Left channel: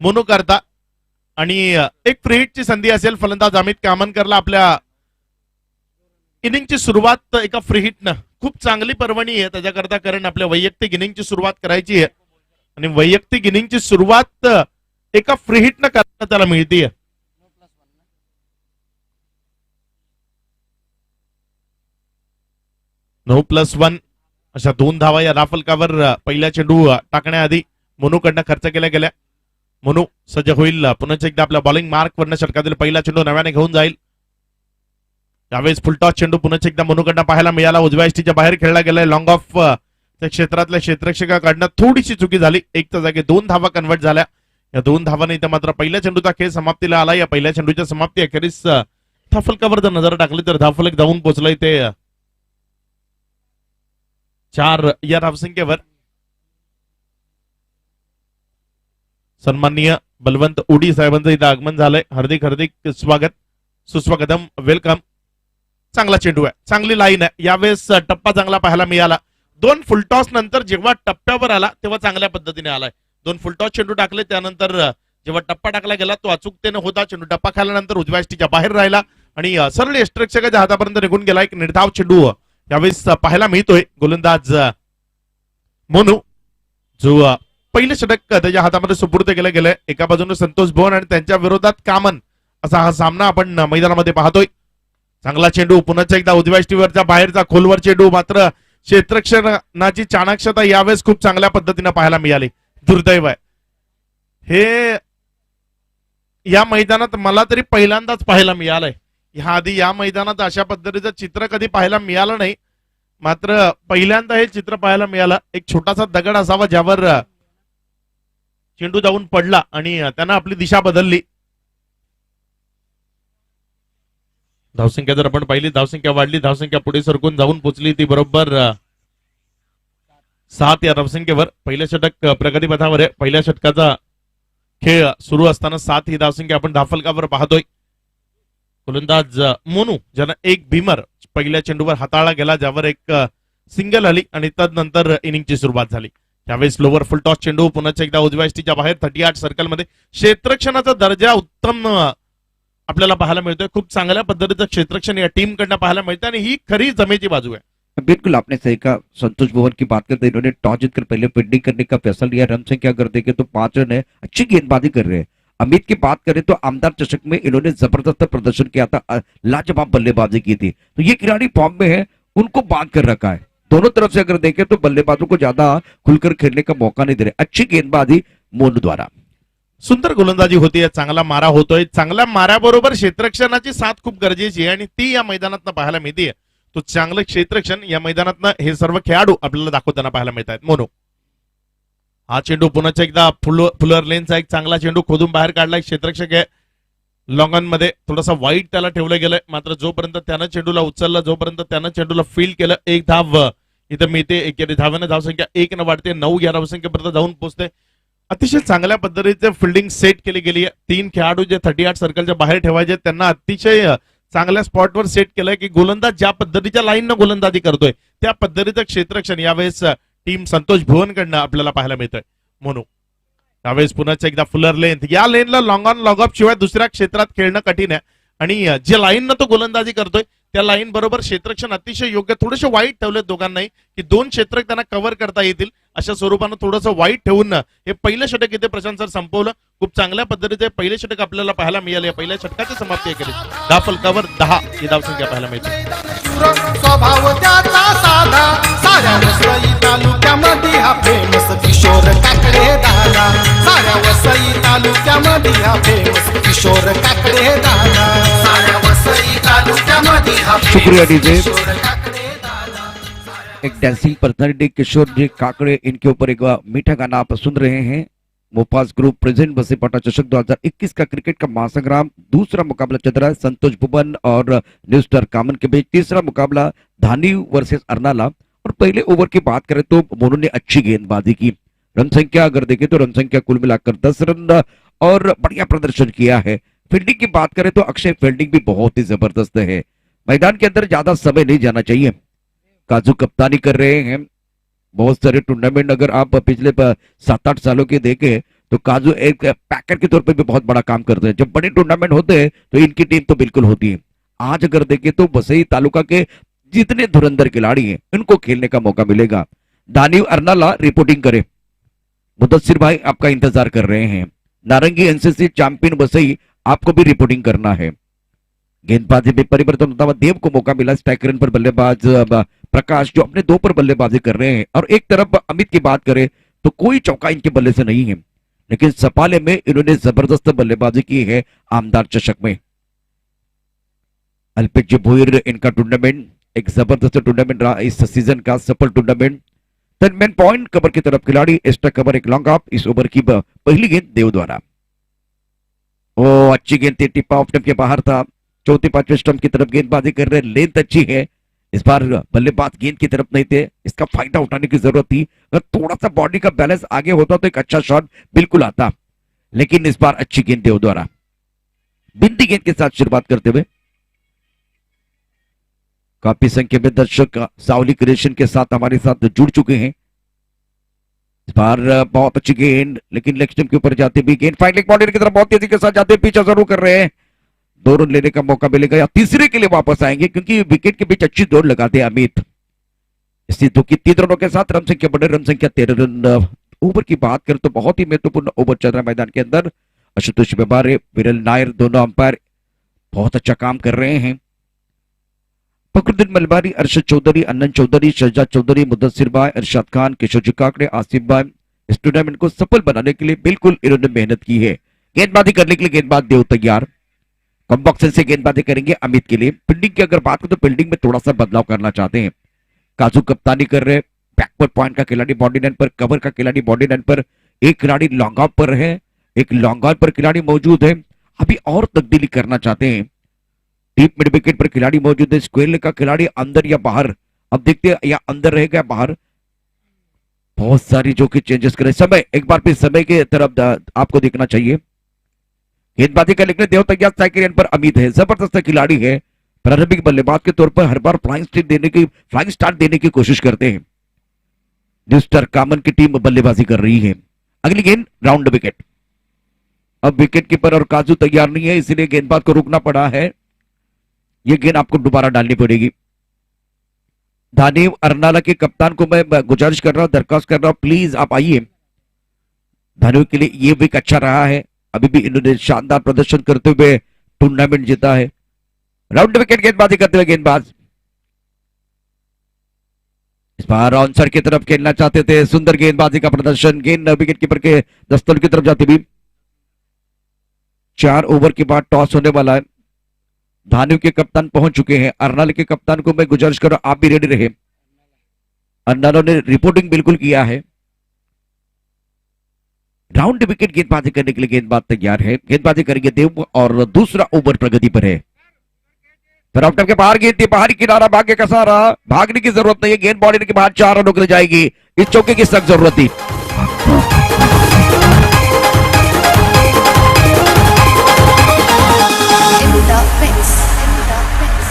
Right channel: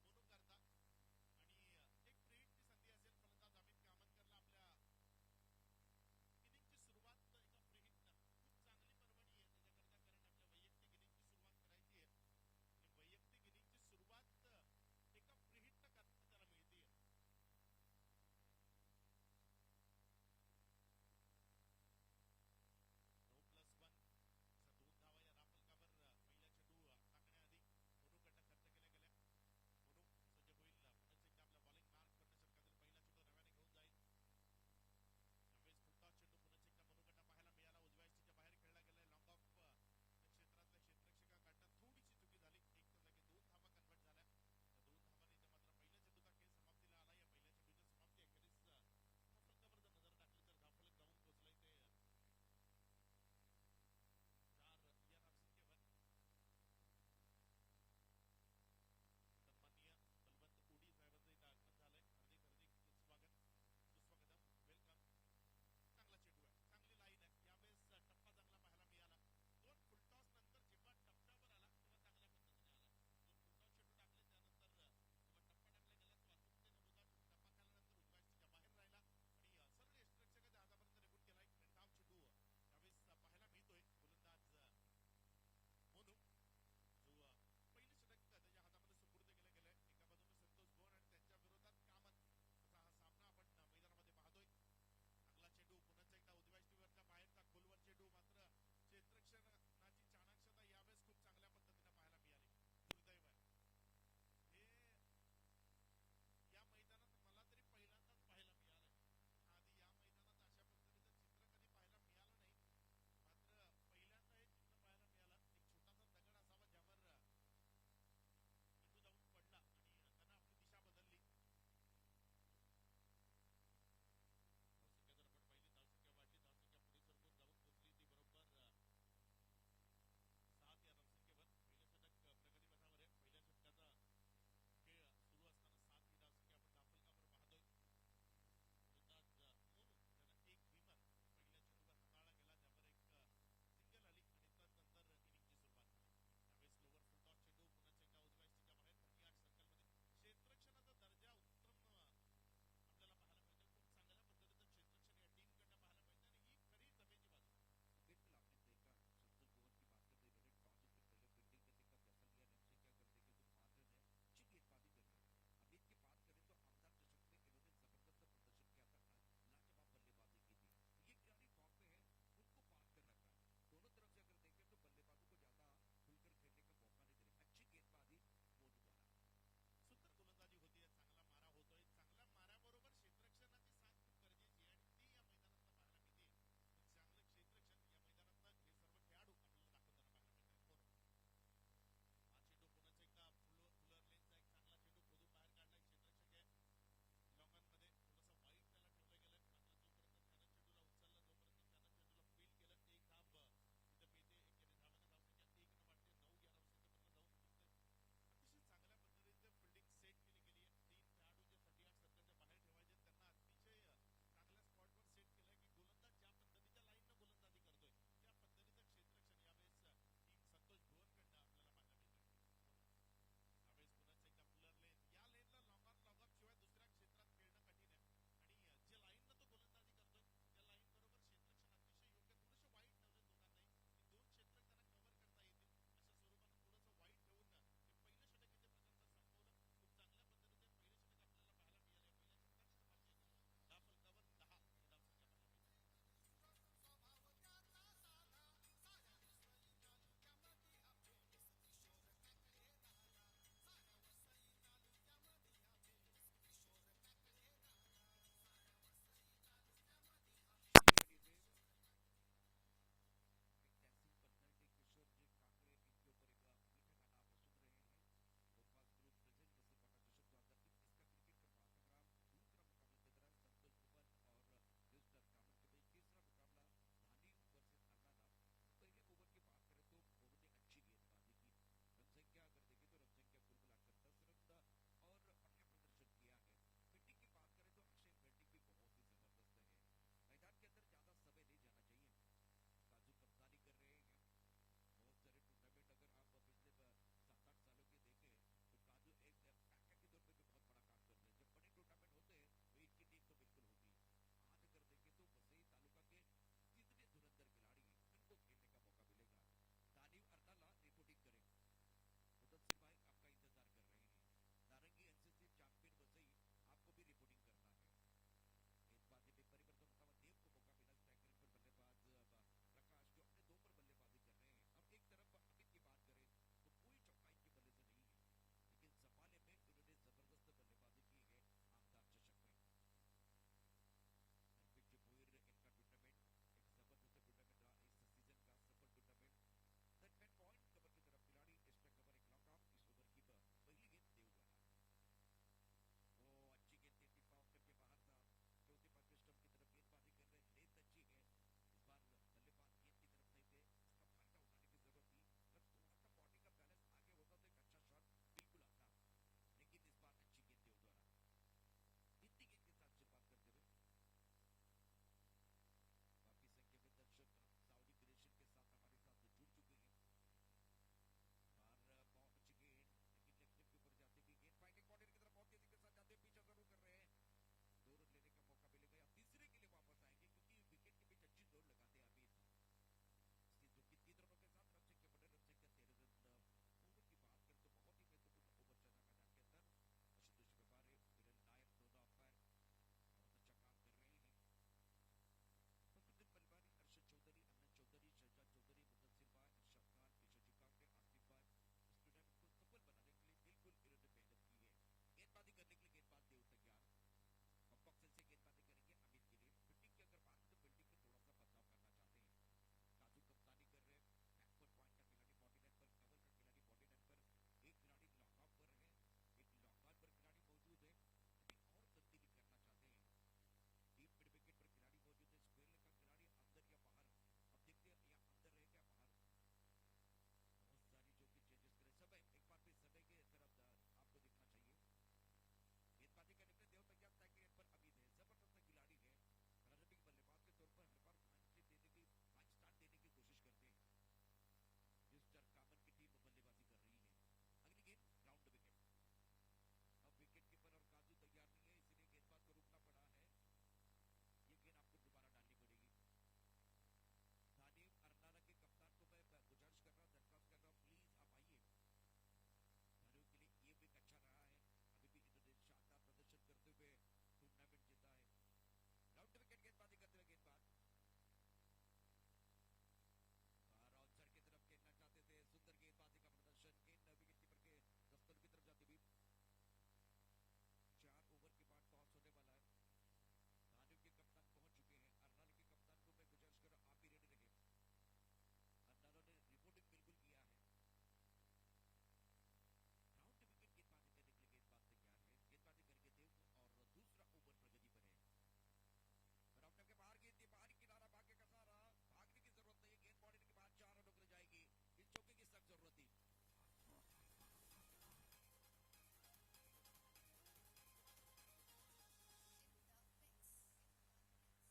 मोनू करता आणि एक फ्री हिटची संधी असेल फलंदाज अमित कामनकरला आपल्या इनिंगची सुरुवात एका फ्री हिटनं खूप चांगली पर्वणी आहे त्याच्याकरता, कारण आपल्या वैयक्तिक इनिंगची सुरुवात करायची आहे आणि वैयक्तिक इनिंगची सुरुवात एका फ्री हिटनं करता त्याला मिळते. 9+1 अशा 2 धावा या राफलकावर पहिल्या चेंडू टाकण्याआधी मोनूकडनं खर्च केल्या गेल्या. मोनू सज्ज होईल पुन्हा एकदा आपल्या बॉलिंग मार्क वरनं षटकातील पहिला चेंडू नव्याने घेऊन जाईल. यावेळेस फुलटॉस चेंडू पुन्हा एकदा मोनूकडनं पाहायला मिळाला. उजव्या एसटीच्या बाहेर खेळला गेलाय. लॉंग ऑफ त्या क्षेत्रातल्या क्षेत्ररक्षकाकडनं थोडीशी चुकी झाली. एकच्या जागी 2 धावा कन्वर्ट झाल्या. या 2 धावांनी इथं मात्र पहिल्या चेंडूचा खेळ समाप्तीला आला. या पहिल्या चेंडूच्या समाप्ती अखेरीस धाफलकावर जर नजर टाकली तर धाफलक जाऊन पोहोचलंय ते 4 या धावसंख्येवर. सन्माननीय बलवंत उडी साहेबांचं इथं आगमन झालंय. हार्दिक हार्दिक स्वागत, सुस्वागतम, वेलकम. चांगला चेंडू आहे, चांगली लाईन आहे. यावेळेस टप्पा चांगला पाहायला मिळाला. 2 फुलटॉस नंतर जेव्हा टप्प्यावर आला तेव्हा चांगल्या पद्धतीने आलाय. 2 फुलटॉस चेंडू टाकले त्यानंतर जेव्हा टप्पा टाकला गेला तो अचूकतेने होता. चेंडू टप्पा खाल्यानंतर उजव्या एसटीच्या बाहेर राहिला आणि सरळ यष्टिरक्षकाच्या हातापर्यंत निघून गेला. एक निर्धाव चेंडू यावेळेस पाहायला मिळतोय. गोलंदाज मोनू जो पहिले षटक त्याच्या हातामध्ये सुपूर्द केलं गेलंय. एका बाजूने संतोष भवन आणि त्यांच्या विरोधात कामन असा हा सामना आपण मैदानामध्ये पाहतोय. चांगला चेंडू पुन्हा एकदा उजव्या एसटीवरचा बाहेरचा खोलवर चेंडू, मात्र क्षेत्ररक्षणाची चाणक्षता यावेळेस खूप चांगल्या पद्धतीने पाहायला मिळाली. दुर्दैव आहे हे, या मैदानात मला तरी पहिल्यांदाच पाहायला मिळालंय. ह्या आधी या मैदानात अशा पद्धतीचं चित्र कधी पाहायला मिळालं नाही, मात्र पहिल्यांदा हे चित्र पाहायला मिळालं. एक छोटासा दगड असावा ज्यावर चेंडू जाऊन पडला आणि त्यानं आपली दिशा बदलली. धावसंख्या जर आपण पाहिली, धावसंख्या वाढली, धावसंख्या पुढे सरकून जाऊन पोहोचली ती बरोबर 7 या धावसंख्येवर. पहिल्या षटक प्रगतीपथावर आहे. पहिल्या षटकाचा खेळ सुरू असताना 7 ही धावसंख्या आपण धाफलकावर पाहतोय. गोलंदाज मोनू ज्यानं एक भीमर पहिल्या चेंडूवर हाताळला गेला, ज्यावर एक सिंगल आली आणि तदनंतर इनिंगची सुरुवात झाली. त्यावेळेस लोवर फुल टॉस चेंडू पुन्हा एकदा उजव्या एसटीच्या बाहेर 38 सर्कलमध्ये. क्षेत्ररक्षणाचा दर्जा उत्तम आपल्याला पाहायला मिळतोय. खूप चांगल्या पद्धतीचं क्षेत्ररक्षण या टीम कडनं पाहायला मिळतं आणि ही खरी जमेची बाजू है. बिल्कुल आपने सही कहा. संतोष भवन की बात करते इन्होंने टॉस जीतकर पहले फील्डिंग करने का फैसला लिया. रन संख्या अगर देखें तो 5 रन है, अच्छी गेंदबाजी कर रहे हैं. अमित की बात करें तो आमदार चषक में इन्होंने जबरदस्त प्रदर्शन किया था, लाजवाब बल्लेबाजी की थी. तो ये खिलाड़ी फॉर्म में है, उनको बांध कर रखा है. दोनों तरफ से अगर देखें तो बल्लेबाजों को ज्यादा खुलकर खेलने का मौका नहीं दे रहे. अच्छी गेंदबाजी मोनू द्वारा. सुंदर गोलंदाजी होतीये, चांगला मारा होतोय. चांगल्या माऱ्याबरोबर क्षेत्ररक्षणाची साथ खूप गरजेची आहे आणि ती या मैदानात पाहायला मिळते. तो चांगलं क्षेत्ररक्षण या मैदानात हे सर्व खेळाडू आपल्याला दाखवताना पाहायला मिळत आहेत. मोनू हा चेंडू पुन्हा एकदा फुलर लेनचा एक चांगला चेंडू खोदून बाहेर काढलाय. क्षेत्ररक्षक आहे लॉंगन मध्ये, थोडासा वाईट त्याला ठेवलं गेलंय, मात्र जोपर्यंत त्यानं चेंडूला उचललं, जोपर्यंत त्यानं चेंडूला फील्ड केलं, एक धाव इथं मिळते. एक धाव्यानं धावसंख्या 1 न वाढते. 9 या धावसंख्येपर्यंत जाऊन पोहोचते. अतिशय चांगल्या पद्धतीचे फिल्डिंग सेट केली गेली आहे. 3 खेळाडू जे 38 सर्कलच्या बाहेर ठेवायचे त्यांना अतिशय चांगल्या स्पॉटवर सेट केलंय की गोलंदाज ज्या पद्धतीच्या लाईननं गोलंदाजी करतोय त्या पद्धतीचं क्षेत्ररक्षण यावेळेस टीम संतोष भुवन कडनं आपल्याला पाहायला मिळतंय. म्हणून त्यावेळेस पुन्हा एकदा फुलर लेंथ, या लेनला लॉंग ऑन लॉग ऑफ शिवाय दुसऱ्या क्षेत्रात खेळणं कठीण आहे आणि जे लाईननं तो गोलंदाजी करतोय त्या लाईन बरोबर क्षेत्ररक्षण अतिशय योग्य. थोडेसे वाईट ठेवले दोघांनाही की 2 क्षेत्र त्यांना कव्हर करता येतील अशा स्वरूपानं थोडंसं वाईट ठेवून हे पहिलं षटक इथे प्रशांत सर संपवलं. खूप चांगल्या पद्धतीचे पहिले षटक आपल्याला पाहायला मिळाले. या पहिल्या षटकाची समाप्ती केली. धाफलकावर 10 ही धावसंख्या पाहायला मिळते. स्वभाव त्याचा साधा, साऱ्या वसई तालुक्यामध्ये हा फेमस किशोर काकडे दादा. साऱ्या वसई तालुक्यामध्ये हा फेमस किशोर काकडे दादा. साऱ्या वसई तालुक्यामध्ये हा शुक्रिया डीजे. एक डांसिंग पर्सनालिटी किशोर जी काकड़े, इनके ऊपर एक मीठा गाना आप सुन रहे हैं. मोपास ग्रुप प्रेजेंट बसेपाटा चषक 2021 का क्रिकेट का महासंग्राम. दूसरा मुकाबला चल रहा है संतोष भुवन और न्यू स्टार कामन के बीच. तीसरा मुकाबला धानी वर्सेस अर्नाला. और पहले ओवर की बात करें तो मोनू ने अच्छी गेंदबाजी की. रन संख्या अगर देखें तो रन संख्या कुल मिलाकर 10 रन और बढ़िया प्रदर्शन किया है. फील्डिंग की बात करें तो अक्षय फील्डिंग भी बहुत ही जबरदस्त है. मैदान के अंदर ज्यादा समय नहीं जाना चाहिए. काजू कप्तानी कर रहे हैं. बहुत सारे टूर्नामेंट अगर आप पिछले 7-8 सालों के देखें तो काजू एक पैकर के तौर पे भी बहुत बड़ा काम करते हैं। जब बड़े टूर्नामेंट होते हैं तो इनकी टीम तो बिल्कुल होती है। आज अगर देखें तो वसई तालुका के जितने धुरंधर खिलाड़ी हैं इनको खेलने का मौका मिलेगा। दानिव अर्नाला रिपोर्टिंग करे, मुदस्सिर भाई आपका इंतजार कर रहे हैं। नारंगी एनसीसी चैंपियन वसई आपको भी रिपोर्टिंग करना है। गेंदबाजी में परिवर्तन होता हुआ देव को मौका मिला। स्ट्राइकर पर बल्लेबाज प्रकाश जो अपने 2 पर बल्लेबाजी कर रहे हैं, और एक तरफ अमित की बात करें तो कोई चौका इनके बल्ले से नहीं है, लेकिन सपाले में इन्होंने जबरदस्त बल्लेबाजी की है आमदार चषक में। अल्पेश भोईर इनका टूर्नामेंट एक जबरदस्त टूर्नामेंट रहा इस सीजन का, सफल टूर्नामेंट। 10 मैन पॉइंट कवर की तरफ खिलाड़ी, एक्स्ट्रा कवर एक लॉन्ग ऑफ। इस ओवर की पहली गेंद देव द्वारा, ओ अच्छी गेंद थी, टिप ऑफ स्टंप के बाहर था। चौथे 5वें स्टंप की तरफ गेंदबाजी कर रहे, लेंथ अच्छी है। इस बार बल्लेबाज गेंद की तरफ नहीं थे, इसका फायदा उठाने की जरूरत थी। अगर थोड़ा सा बॉडी का बैलेंस आगे होता तो एक अच्छा शॉट बिल्कुल आता, लेकिन इस बार अच्छी गेंद देव द्वारा। बिंदी गेंद के साथ शुरुआत करते हुए काफी संख्या में दर्शक सावली क्रिएशन के साथ हमारे साथ जुड़ चुके हैं। इस बार बहुत अच्छी गेंद, लेकिन लेग स्टंप के ऊपर जाते भी गेंद फाइनलिंग बाउंड्री की तरफ बहुत तेजी के साथ जाते पीछे जरूर कर रहे हैं। 2 रन लेने का मौका मिलेगा या तीसरे के लिए वापस आएंगे, क्योंकि विकेट के बीच अच्छी दौड़ लगाते हैं अमित। इसी 3 रनों के साथ रन संख्या बढ़े, रन संख्या 13 रन। ओवर की बात करें तो बहुत ही महत्वपूर्ण ओवर चल रहा है मैदान के अंदर। आशुतोष बेबारे, विरल नायर दोनों अंपायर बहुत अच्छा काम कर रहे हैं। फखरुद्दीन मलबारी, अरशद चौधरी, अन्नन चौधरी, शहजाद चौधरी, मुदस्सिर भाई, अरशद खान, किशोर जी काकड़े, आसिफ भाई इस टूर्नामेंट को सफल बनाने के लिए बिल्कुल इन्होंने मेहनत की है। गेंदबाजी करने के लिए गेंदबाज देव तैयार, कॉम्बॉक्सन से गेंदबाजी करेंगे अमित के लिए। फील्डिंग की अगर बात करें तो फील्डिंग में थोड़ा सा बदलाव करना चाहते हैं। काजू कप्तानी कर रहे, बैकवर्ड पॉइंट का खिलाड़ी बॉडी लाइन पर, कवर का खिलाड़ी बॉडी लाइन पर, एक खिलाड़ी लॉन्ग ऑफ पर है, एक लॉन्ग ऑन पर खिलाड़ी मौजूद है। अभी और तब्दीली करना चाहते हैं। डीप मिड विकेट पर खिलाड़ी मौजूद है, स्क्वेयर का खिलाड़ी अंदर या बाहर, अब देखते हैं या अंदर रहेगा या बाहर। बहुत सारी जो कि चेंजेस करें। समय एक बार फिर समय के तरफ आपको देखना चाहिए। गेंदबाजी का लिखने देव तैयार, साइकिल पर अमित है, जबरदस्त खिलाड़ी है। प्रारंभिक बल्लेबाज के तौर पर हर बार फ्लाइंग स्टार्ट देने की कोशिश करते हैं। न्यूस्टर कामन की टीम बल्लेबाजी कर रही है। अगली गेंद राउंड विकेट। अब विकेट कीपर और काजू तैयार नहीं है, इसलिए गेंदबाज को रुकना पड़ा है। ये गेंद आपको दोबारा डालनी पड़ेगी। दानिव अर्नाला के कप्तान को मैं गुजारिश कर रहा हूं, दरखास्त कर रहा हूं, प्लीज आप आइए। दानिव के लिए ये विकेट अच्छा रहा है, अभी भी इन्होंने शानदार प्रदर्शन करते हुए टूर्नामेंट जीता है। राउंड विकेट गेंदबाजी करते हुए गेंदबाज इस बार आंसर की तरफ खेलना चाहते थे। सुंदर गेंदबाजी का प्रदर्शन, गेंद विकेट कीपर के दस्तल की तरफ जाती भी। 4 ओवर के बाद टॉस होने वाला है। धानिव के कप्तान पहुंच चुके हैं। अर्नाला के कप्तान को मैं गुजारिश कर रहा हूं आप भी रेडी रहे। अर्नाला ने रिपोर्टिंग बिल्कुल किया है। राउंड विकेट गेंदबाजी करने के लिए गेंदबाज तैयार है। गेंदबाजी करेंगे देव और दूसरा ओवर प्रगति पर है। तरफ के बाहर गेंद थी, बाहरी किनारा, भाग्य का सहारा, भागने की जरूरत नहीं है। गेंद बॉडी के बाहर 4 रनों के लिए जाएगी। इस चौके की सख्त जरूरत थी।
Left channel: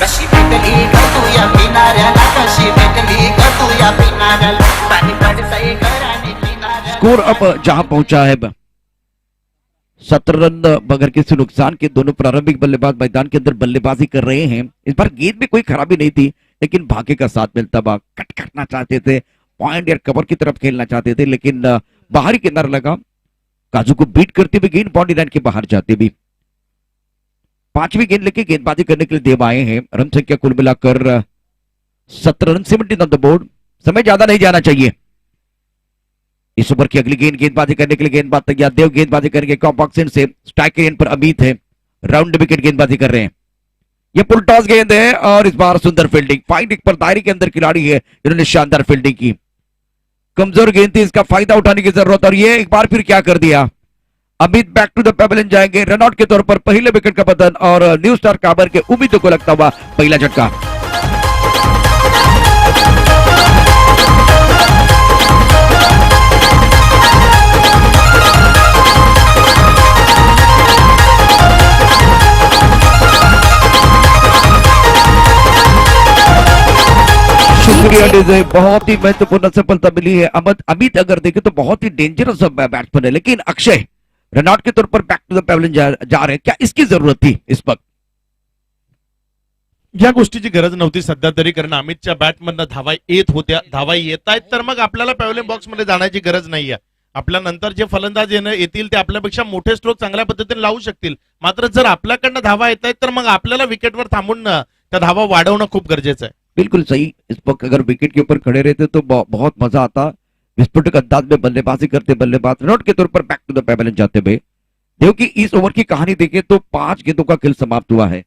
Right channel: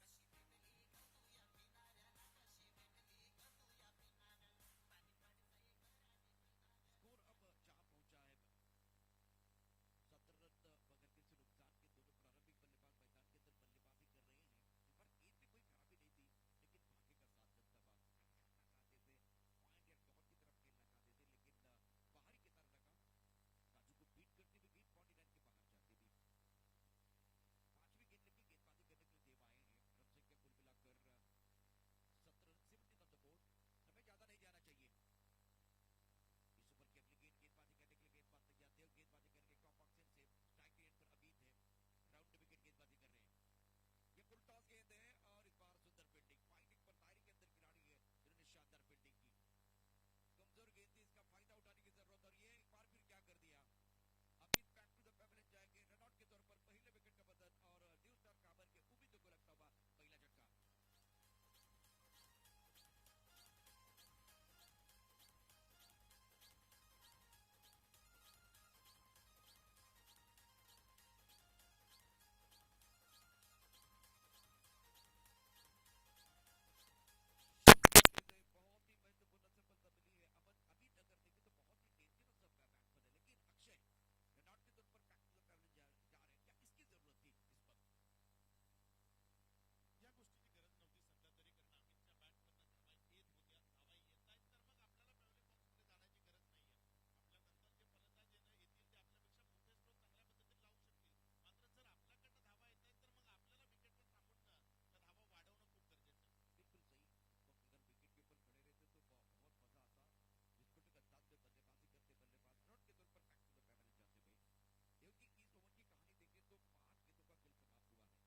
कशी भेटली ग तू या किनाऱ्याला, कशी भेटली ग तू या किनाऱ्याला, पाणी पडतंय घराने किनाऱ्याला। स्कोर अब जहां पहुंचा है 17 रन बगैर किसी नुकसान के। दोनों प्रारंभिक बल्लेबाज मैदान के अंदर बल्लेबाजी कर रहे हैं। इस बार गेंद में कोई खराबी नहीं थी, लेकिन भाग्य का साथ मिलता हुआ कट करना चाहते थे, पॉइंट या कवर की तरफ खेलना चाहते थे, लेकिन बाहरी किनारा लगा। काजू को बीट करते हुए गेंद बॉडी लाइन के बाहर जाते भी। 5वीं गेंद लेके गेंदबाजी करने के लिए देव आए हैं। रन संख्या कुल मिलाकर 17 रन, 17 ऑन द बोर्ड। समय ज्यादा नहीं जाना चाहिए। इस ओवर की अगली गेंद गेंदबाजी करने के लिए गेंदबाज तैयार। देव गेंदबाजी करेंगे कॉम्बॉक्सन से। स्ट्राइक एंड पर अमित है। राउंड विकेट गेंदबाजी कर रहे हैं। ये पुल टॉस गेंद है और इस बार सुंदर फील्डिंग। फाइट पर दायरे के अंदर खिलाड़ी है, इन्होंने शानदार फील्डिंग की। कमजोर गेंद थी, इसका फायदा उठाने की जरूरत। और ये एक बार फिर क्या कर दिया, Amit back to the pavilion जाएंगे। रनआउट के तौर पर पहले विकेट का पतन और न्यू स्टार काबर के उम्मीदों को लगता हुआ पहला झटका। दूसरी अंडे से बहुत ही महत्वपूर्ण सफलता मिली है। अमित अगर देखें तो बहुत ही डेंजरस बैट्समैन है, लेकिन अक्षय रनआउट के तौर पर बैक टू द पेविलियन जा रहे हैं। क्या इसकी जरूरत थी इस वक्त? या गोष्टीची गरज नव्हती सध्या तरी, कारण अमितच्या बॅटमधनं धावा येत होत्या, धावा येत आहेत, तर मग आपल्याला पॅव्हलियन बॉक्स मध्ये जाण्याची गरज नाहीये. आपल्या नंतर जे फलंदाज येतील ते आपल्यापेक्षा मोठे स्ट्रोक चांगल्या पद्धतीने लावू शकतील. मात्र जर आपल्याकडनं धावा येत आहेत तर मग आपल्याला विकेटवर थांबून त्या धावा वाढवणं खूप गरजेचं आहे. बिल्कुल सही। इस वक्त अगर विकेट के ऊपर खड़े रहते तो बहुत मजा आता। विस्फोटक अंदाज में बल्लेबाजी करते बल्लेबाज रनआउट के तौर पर बैक टू द पेविलियन जाते हुए। देखो कि इस ओवर की कहानी देखें तो 5 गेंदों का खेल समाप्त हुआ है।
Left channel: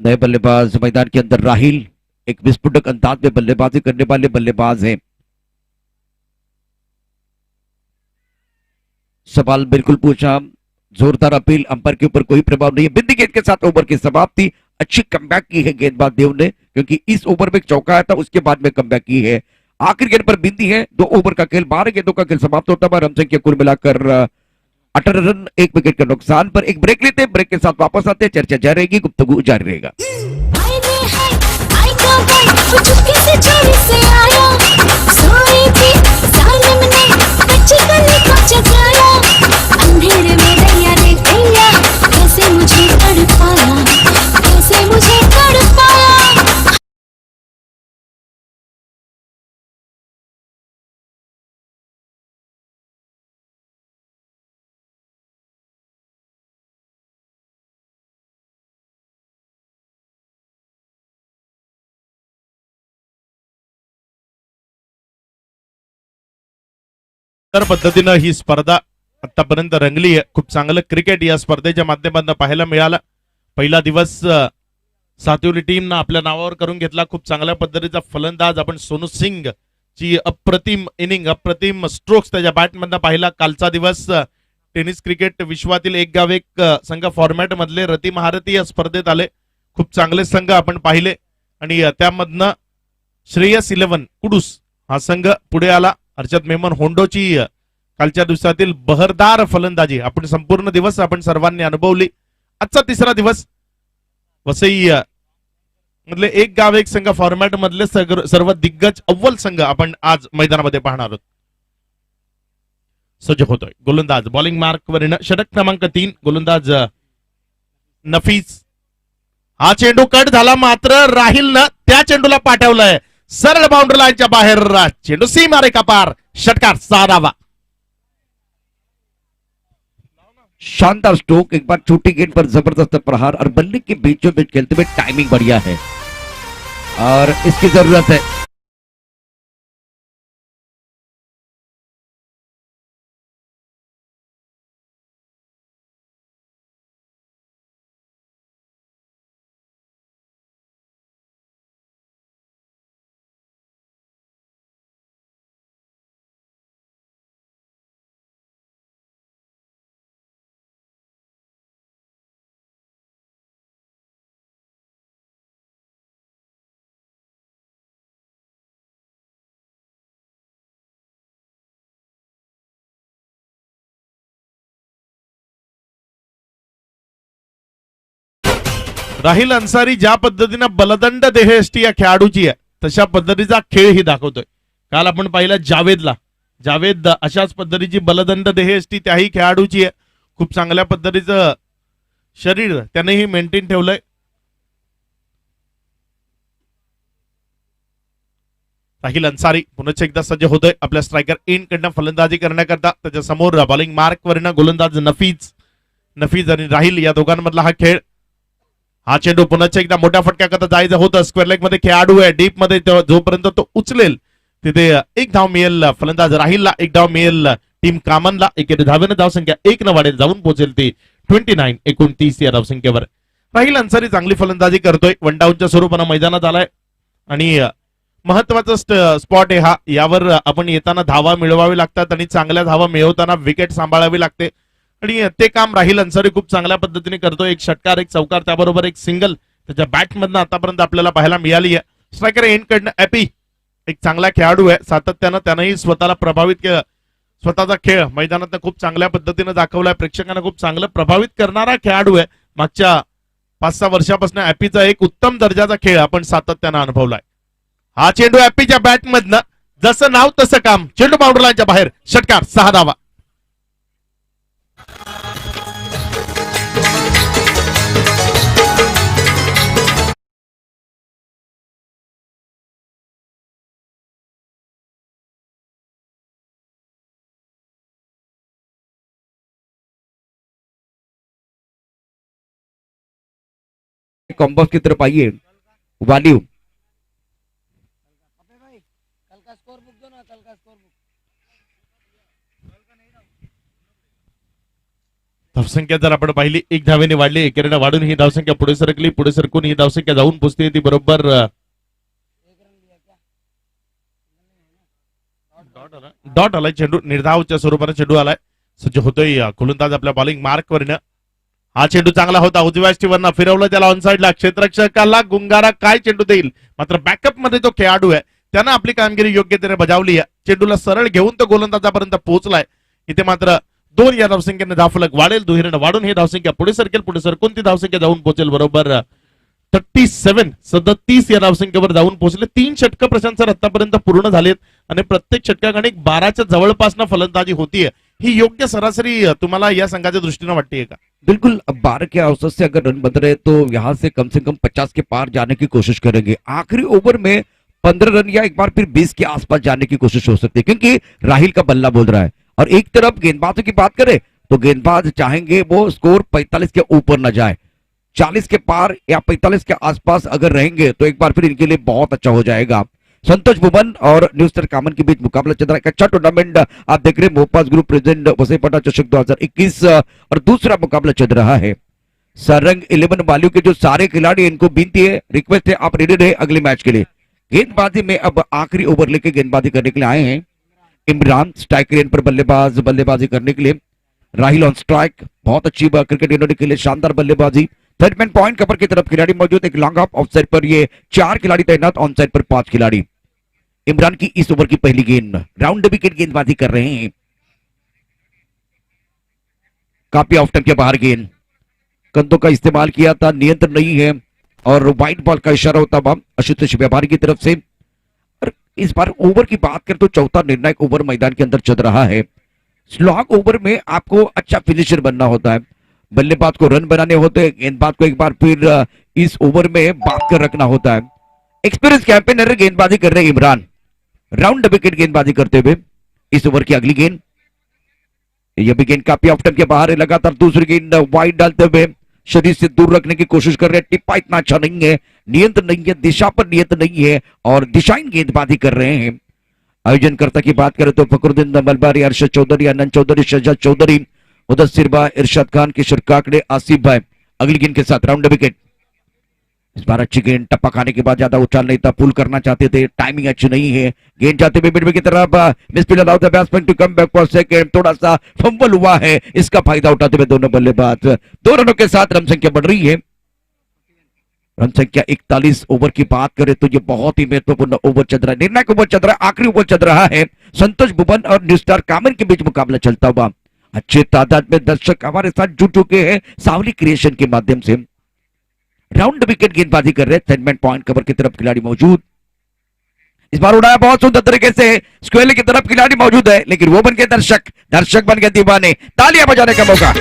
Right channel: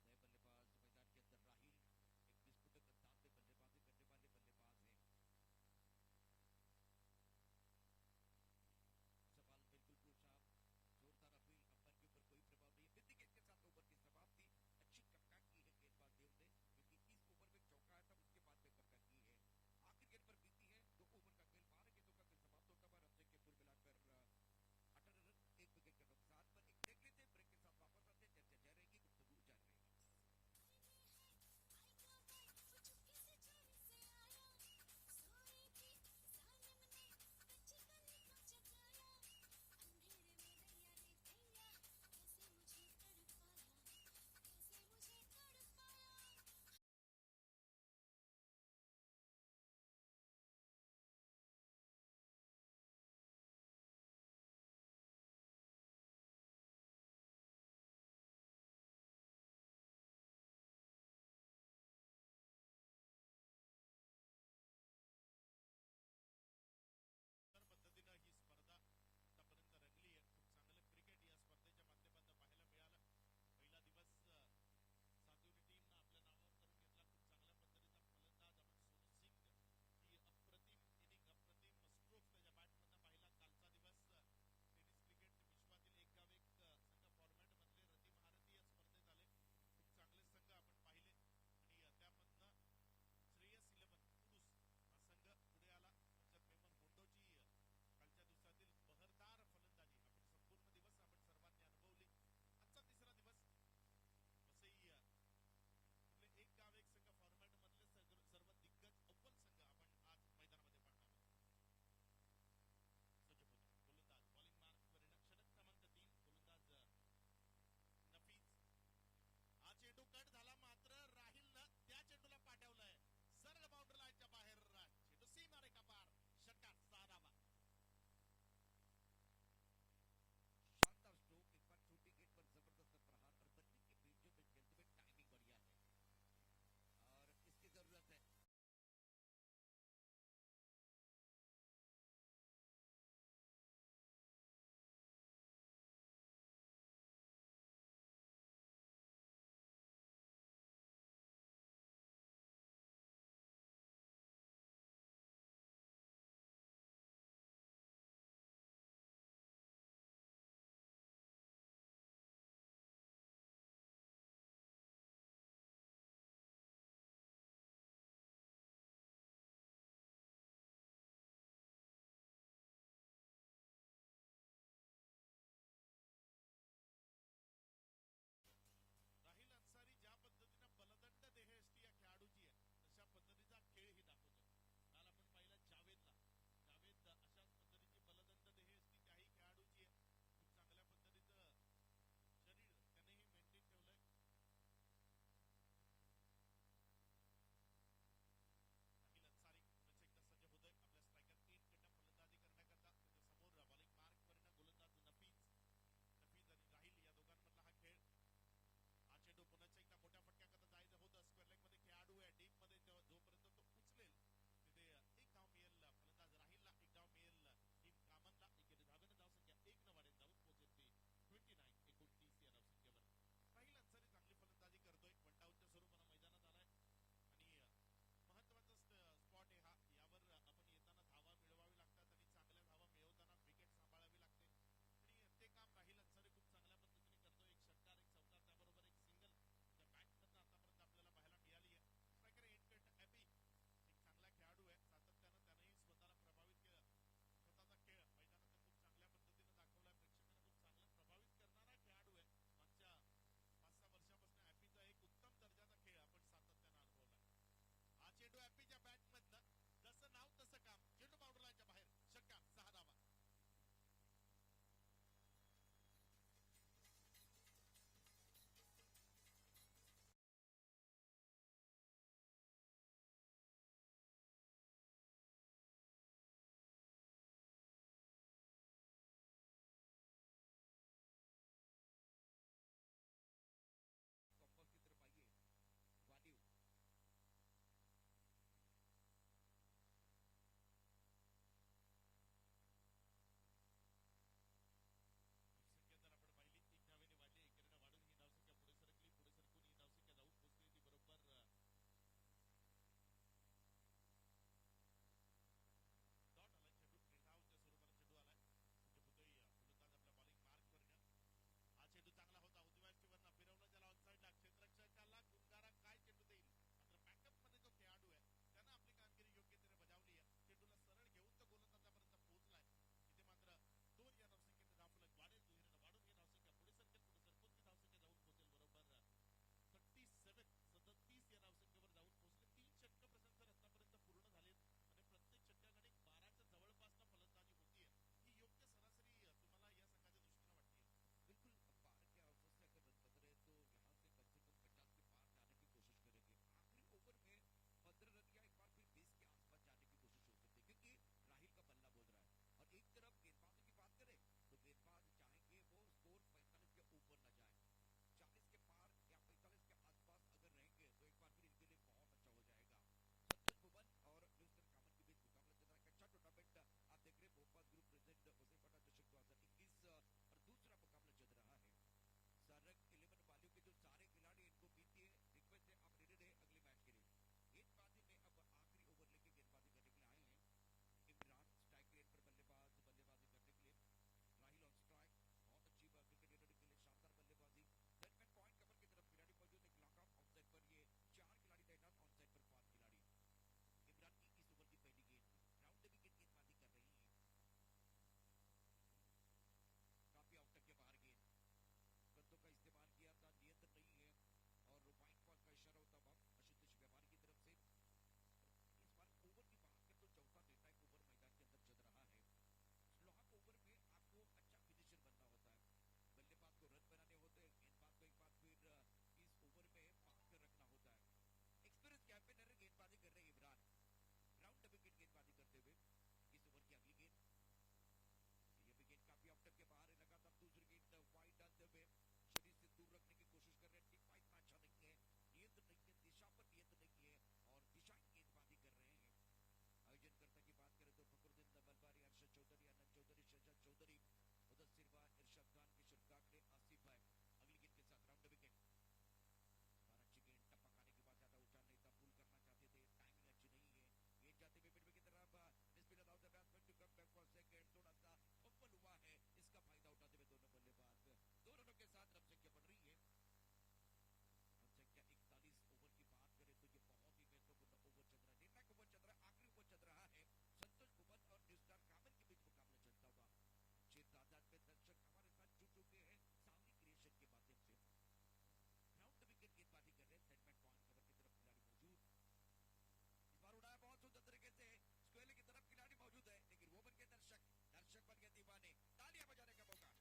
नए बल्लेबाज मैदान के अंदर राहिल एक विस्फोटक अंदाज में बल्लेबाजी करने वाले बल्लेबाज हैं। सवाल बिल्कुल पूछा, जोरदार अपील, अंपायर के ऊपर कोई प्रभाव नहीं है। बिंदी गेंद के साथ ओवर की समाप्ति। अच्छी कमबैक की है गेंदबाज देव ने, क्योंकि इस ओवर में एक चौका आया था, उसके बाद में कमबैक की है। आखिरी गेंद पर बिंदी है। 2 ओवर का खेल, 12 गेंदों का खेल समाप्त होता है। रन संख्या कुल मिलाकर 18 रन, 1 विकेट के नुकसान पर। एक ब्रेक लेते हैं, ब्रेक के साथ वापस आते हैं, चर्चा जारी रहेगी, गुफ्तगू जारी रहेगा। अंधेरे में दैया रे दैया, कैसे मुझे तड़पाया, कैसे मुझे तड़पाया। तर पद्धतीनं ही स्पर्धा आतापर्यंत रंगली आहे. खूप चांगलं क्रिकेट या स्पर्धेच्या माध्यमातून पाहायला मिळालं. पहिला दिवस सातवली टीमनं आपल्या नावावर करून घेतला. खूप चांगल्या पद्धतीचा फलंदाज आपण सोनू सिंग ची अप्रतिम इनिंग, अप्रतिम स्ट्रोक्स त्याच्या बॅटमधनं पाहिला. कालचा दिवस टेनिस क्रिकेट विश्वातील एक गाव एक संघ फॉर्मॅट मधले रती महारथी या स्पर्धेत आले. खूप चांगले संघ आपण पाहिले आणि त्यामधनं श्रेयस 11 कुडूस हा संघ पुढे आला. अर्षद मेमन होंडोची कालच्या दिवसातील बहरदार फलंदाजी आपण संपूर्ण दिवस आपण सर्वांनी अनुभवली. आजचा तिसरा दिवस वसई मधले एक गाव एक संघ फॉर्मॅट मधले सर्व दिग्गज अव्वल संघ आपण आज मैदानामध्ये पाहणार आहोत. सज्ज होतोय गोलंदाज बॉलिंग मार्क वर षटक क्रमांक 3 गोलंदाज नफीस. हा चेंडू कट झाला, मात्र राहिलनं त्या चेंडूला पाठवलंय सरळ बाउंड्री लाईनच्या बाहेर. चेंडू सीमा रेखा पार, षटकार 6वा. शानदार स्ट्रोक, एक बार छोटी गेंद पर जबरदस्त प्रहार और बल्ले के बीचों बीच खेलते हुए टाइमिंग बढ़िया है और इसकी जरूरत है। राहिल अन्सारी ज्या पद्धतीने बलदंड देहयष्टी या खेळाडूची आहे तशा पद्धतीचा खेळ ही दाखवतोय. काल आपण पाहिलं जावेद अशाच पद्धतीची बलदंड देहयष्टी त्याही खेळाडूची आहे. खूप चांगल्या पद्धतीचं शरीर त्यानेही मेंटेन ठेवलंय. राहिल अन्सारी पुन्हा एकदा सज्ज होतोय आपल्या स्ट्रायकर इन कडनं फलंदाजी करण्याकरता. त्याच्या समोर बॉलिंग मार्क वरनं गोलंदाज नफीज आणि राहिल या दोघांमधला हा खेळ. हा चेंडू पुन्हा एकदा मोठ्या फटक्याकरता जायचं होतं. स्क्वेअर लेग मध्ये खेळाडू आहे, डीप मध्ये जोपर्यंत तो उचलेल तिथे एक धाव मिळेल फलंदाज राहिलला, एक धाव मिळेल टीम कामनला. एकेरी धावेनं धावसंख्या 1 न वाढेल, जाऊन पोहोचेल ती 29-29 या धावसंख्येवर. राहिल अन्सारी चांगली फलंदाजी करतोय, वन डाऊनच्या स्वरूपानं मैदानात आलाय आणि महत्वाचा स्पॉट आहे हा. यावर आपण येताना धावा मिळवावी लागतात आणि चांगल्या धावा मिळवताना विकेट सांभाळावी लागते आणि ते काम राहिल अन्सारी खूप चांगल्या पद्धतीने करतोय. एक षटकार, एक चौकार, त्याबरोबर एक सिंगल त्याच्या बॅटमधनं आतापर्यंत आपल्याला पाहायला मिळाली आहे. स्ट्रायकर एंड कडनं ॲपी एक चांगला खेळाडू आहे. सातत्यानं त्यानंही स्वतःला प्रभावित केलं. स्वतःचा खेळ मैदानात खूप चांगल्या पद्धतीने दाखवलाय. प्रेक्षकांना खूप चांगलं प्रभावित करणारा खेळाडू आहे. मागच्या 5-6 वर्षापासून ऍपीचा एक उत्तम दर्जाचा खेळ आपण सातत्यानं अनुभवलाय. हा चेंडू ऍपीच्या बॅट मधनं जसं नाव तसं काम, चेंडू बाउंड्री लाईनच्या बाहेर, षटकार, 6 धावा. कॉम्बॉक्स की तरफ आइए वालिव. धावसंख्या जर आपण पाहिली 1 धावेने वाढली, एकेरीने वाढून ही धावसंख्या पुढे सरकली, पुढे सरकून ही धावसंख्या जाऊन पोहोचते ती बरोबर डॉट आलाय. चेंडू निर्धावच्या स्वरूपाने चेंडू आलाय. सज्ज होतोय गोलंदाज आपल्या बॉलिंग मार्क वरनं. हा चेंडू चांगला होता, उजव्या स्टीवरनं फिरवलं त्याला ऑनसाइडला, क्षेत्ररक्षकाला गुंगारा काय चेंडू देईल, मात्र बॅकअप मध्ये तो खेळाडू आहे त्यानं आपली कामगिरी योग्यतेने बजावली आहे. चेंडूला सरळ घेऊन तो गोलंदाजापर्यंत पोहोचलाय. इथे मात्र 2 या धावसंख्येने धावफलक वाढेल, दुहेरीनं वाढून ही धावसंख्या पुढे सरकेल, पुढे सरकून ती धावसंख्या जाऊन पोहोचेल बरोबर 37 या धावसंख्येवर जाऊन पोहोचले. 3 षटकं प्रशांत सर आतापर्यंत पूर्ण झालेत आणि प्रत्येक षटकाकडे 12च्या जवळपासनं फलंदाजी होतीये. ही योग्य सरासरी तुम्हाला या संघाच्या दृष्टीने वाटते का? बिल्कुल. अब 12 के औसत से अगर रन बन रहे तो यहाँ से कम 50 के पार जाने की कोशिश करेंगे. आखिरी ओवर में 15 रन या एक बार फिर 20 के आसपास जाने की कोशिश हो सकती है, क्योंकि राहिल का बल्ला बोल रहा है. और एक तरफ गेंदबाजों की बात करें तो गेंदबाज चाहेंगे वो स्कोर 45 के ऊपर न जाए. 40 के पार या 45 के आसपास अगर रहेंगे तो एक बार फिर इनके लिए बहुत अच्छा हो जाएगा. संतोष भुवन और न्यूस्टर कामन के बीच मुकाबला चल रहा है. एक अच्छा टूर्नामेंट आप देख रहे हैं, मोपास ग्रुप प्रेजेंट वसईपट्टा चषक 2021 और दूसरा मुकाबला चल रहा है. सरंग 11 वालियों के जो सारे खिलाड़ी, इनको विनती है, रिक्वेस्ट है, आप रेडी रहे अगले मैच के लिए. गेंदबाजी में अब आखिरी ओवर लेके गेंदबाजी करने के लिए आए हैं इमरान. स्ट्राइक रेन पर बल्लेबाजी करने के लिए. राहिल ऑन स्ट्राइक, बहुत अच्छी क्रिकेट इन्होंने खेले, शानदार बल्लेबाजी. थर्ड मैन पॉइंट कवर की तरफ खिलाड़ी मौजूद, एक लॉन्ग ऑफ ऑफ साइड पर ये 4 खिलाड़ी तैनात, ऑन साइड पर 5 खिलाड़ी. इमरान की इस ओवर की पहली गेंद, राउंड विकेट गेंदबाजी कर रहे हैं. काफी ऑफ टाइम के बाहर गेंद, कंधों का इस्तेमाल किया था, नियंत्रण नहीं है और व्हाइट बॉल का इशारा होता हुआ आशुतोष व्यापारी की तरफ से. और इस बार ओवर की बात करें तो चौथा निर्णायक ओवर मैदान के अंदर चल रहा है. स्लॉग ओवर में आपको अच्छा फिनिशर बनना होता है, बल्लेबाज को रन बनाने होते हैं, गेंदबाज को एक बार फिर इस ओवर में बात कर रखना होता है. एक्सपीरियंस कैंपेनर गेंदबाजी कर रहे हैं इमरान, राउंड विकेट गेंदबाजी करते हुए. इस ओवर की अगली गेंद, यह भी गेंद काफी ऑफ टाइम के बाहर है. लगातार दूसरी गेंद वाइड डालते हुए शरीर से दूर रखने की कोशिश कर रहे हैं. टिप्पा इतना अच्छा नहीं है, नियंत्रण नहीं है, दिशा पर नियंत्रण नहीं है और दिशाहीन गेंदबाजी कर रहे हैं. आयोजनकर्ता की बात करें तो फकरुद्दीन मलबारी, अरशद चौधरी, अनंत चौधरी, शहजाद चौधरी, मुदस्सिर भाई, इरशाद खान, किशोर काकड़े, आसिफ भाई. अगली गेंद के साथ राउंड विकेट. इस बार अच्छी गेंद, टप्पा खाने के बाद ज्यादा उछाल नहीं था, पुल करना चाहते थे, टाइमिंग अच्छी नहीं है. गेंद जाते हुए मिडवे की तरफ, misfield allow the batsman to come back for second. थोड़ा सा फंबल हुआ है, इसका फायदा उठाते हुए दोनों बल्लेबाज. 2 रनों के साथ रन संख्या बढ़ रही है. रन संख्या 41. ओवर की बात करें तो ये बहुत ही महत्वपूर्ण ओवर चल रहा है, निर्णायक ओवर चल रहा है, आखिरी ओवर चल रहा है. संतोष भुवन और न्यूस्टार कामन के बीच मुकाबला चलता हुआ. अच्छे तादाद में दर्शक हमारे साथ जुट चुके हैं सावली क्रिएशन के माध्यम से. राउंड विकेट गेंदबाजी कर रहे, सेगमेंट पॉइंट कवर की तरफ खिलाड़ी मौजूद. इस बार उड़ाया बहुत सुंदर तरीके से, स्क्वेयर की तरफ खिलाड़ी मौजूद है, लेकिन वो बन गए दर्शक बन गए दीवाने. तालियां बजाने का मौका.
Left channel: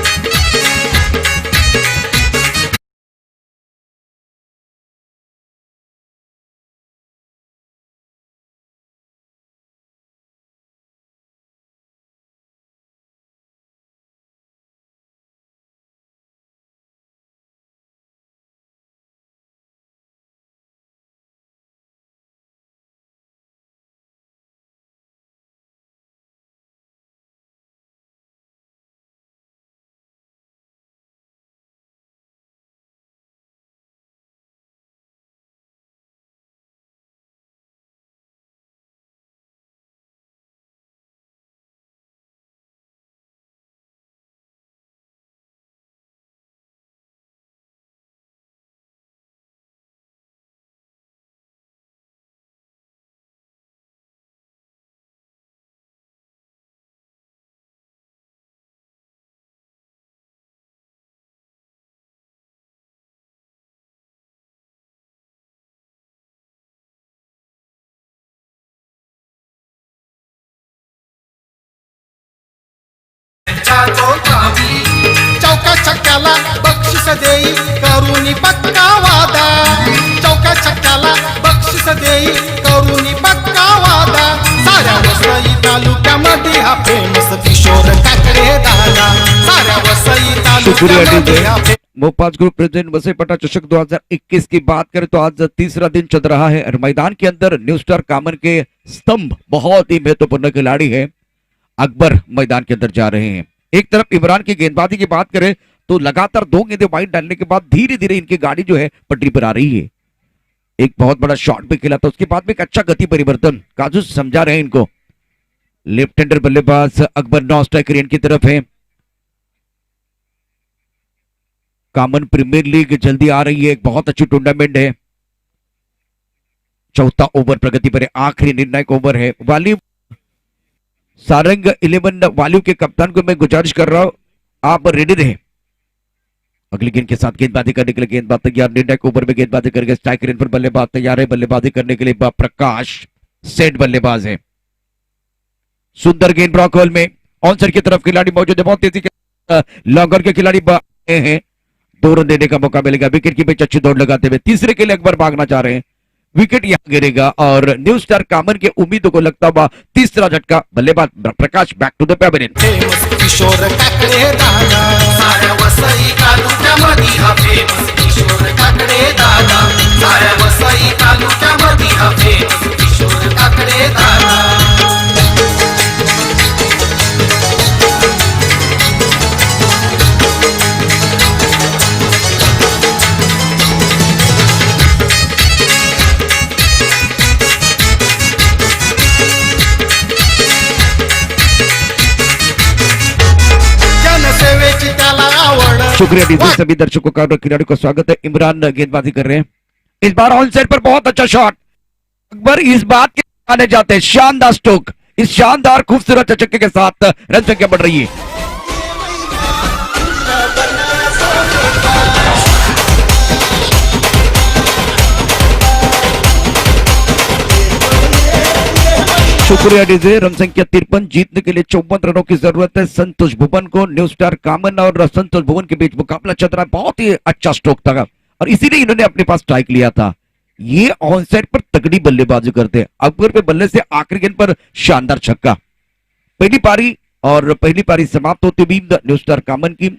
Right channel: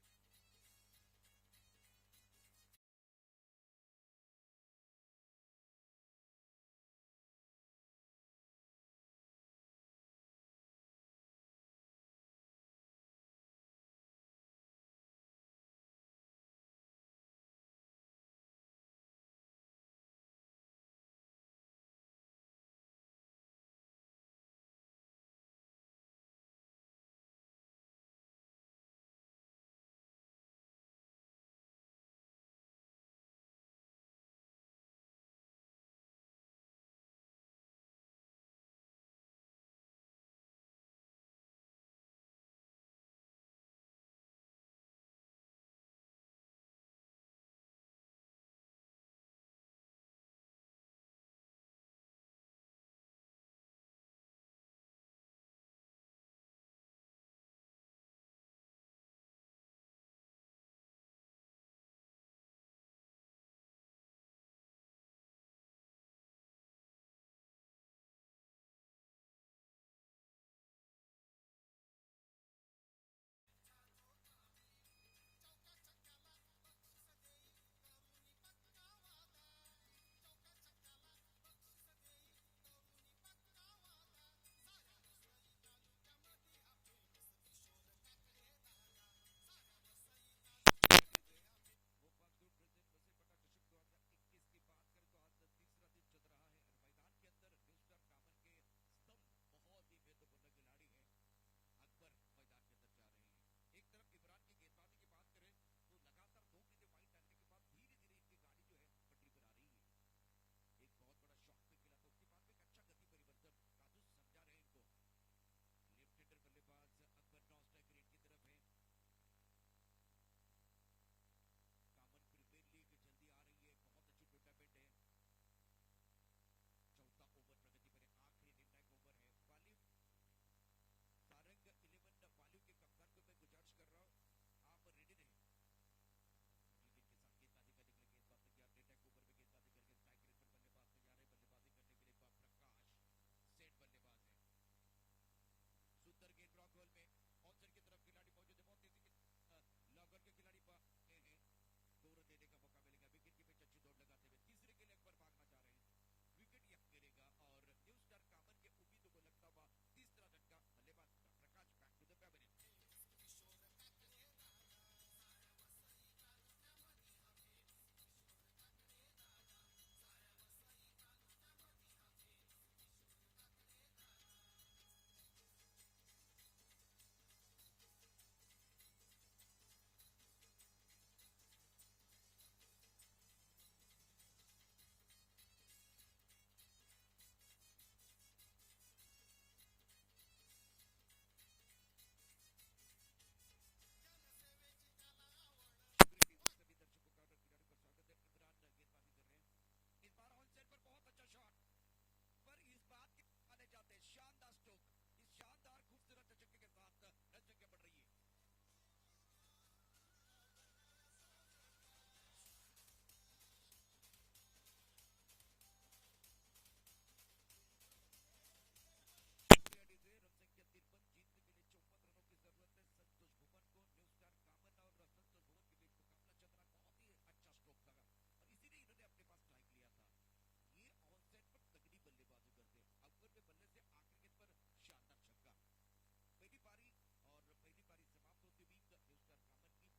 शुक्रिया तालुक्यामध्ये डीजे। हा फेमस मोपाज ग्रुप प्रेजेंट वसईपट्टा चषक 2021 की बात करें तो आज तीसरा दिन चल रहा है और मैदान के अंदर न्यू स्टार कामन के स्तंभ बहुत ही महत्वपूर्ण खिलाड़ी है अकबर मैदान के अंदर जा रहे हैं। एक तरफ इमरान की गेंदबाजी की बात करें तो लगातार 2 गेंदें वाइड डालने के बाद धीरे धीरे इनकी गाड़ी जो है पटरी पर आ रही है। एक बहुत बड़ा शॉट भी खेला था, उसके बाद में एक अच्छा गति परिवर्तन काजू समझा रहे हैं इनको। लेफ्ट हैंडर बल्लेबाज अकबर नौ स्ट्राइकर इनकी तरफ है। कॉमन प्रीमियर लीग जल्दी आ रही है, एक बहुत अच्छी टूर्नामेंट है। चौथा ओवर प्रगति पर है, आखिरी निर्णायक ओवर है। वाली सारंग 11 वालियों के कप्तान को मैं गुजारिश कर रहा हूं आप रेडी रहे अगली गेंद के साथ गेंदबाजी करने के लिए। गेंदबाज तैयार, निर्णायक ओवर में गेंदबाजी करके स्ट्राइकर इन पर बल्लेबाज तैयार है। बल्लेबाजी करने के लिए प्रकाश सेठ बल्लेबाज है। सुंदर गेंद ब्लॉक होल में ऑनसर की तरफ खिलाड़ी मौजूद है, बहुत तेजी के लॉन्गर के खिलाड़ी हैं। 2 रन देने का मौका मिलेगा। विकेट की पिच अच्छी दौड़ लगाते हुए तीसरे के लिए अकबर भागना चाह रहे हैं। विकेट यहां गिरेगा और न्यू स्टार कामन के उम्मीदों को लगता हुआ तीसरा झटका। बल्लेबाज Prakash back to the pavilion. Famous Kishore Kakade दादा साऱ्या वसई तालुक्यामध्ये हा फेमस किशोर काकडे दादा साऱ्या वसई तालुक्यामध्ये हा फेमस किशोर काकडे दादा जनसेवेची त्याला आवड शुक्रिया डीजे। सभी दर्शकों का और खिलाड़ियों का स्वागत है। इमरान गेंदबाजी कर रहे हैं इस बार ऑन साइड पर, बहुत अच्छा शॉट। अकबर इस बात के आने जाते हैं, शानदार स्ट्रोक। इस शानदार खूबसूरत चक्के के साथ रन संख्या बढ़ रही है। शुक्रिया डीजे। रन संख्या 53, जीतने के लिए 54 रनों की जरूरत है। संतोष भुवन को न्यू स्टार कामन और संतोष भुवन के बीच मुकाबला चल रहा है। बहुत ही अच्छा स्ट्रोक था और इसीलिए इन्होंने अपने पास स्ट्राइक लिया था। ये ऑन साइड पर तगड़ी बल्लेबाजी करते हैं। अकबर पे बल्ले से आखिरी गेंद पर शानदार छक्का। पहली पारी समाप्त होती हुई न्यू स्टार कामन की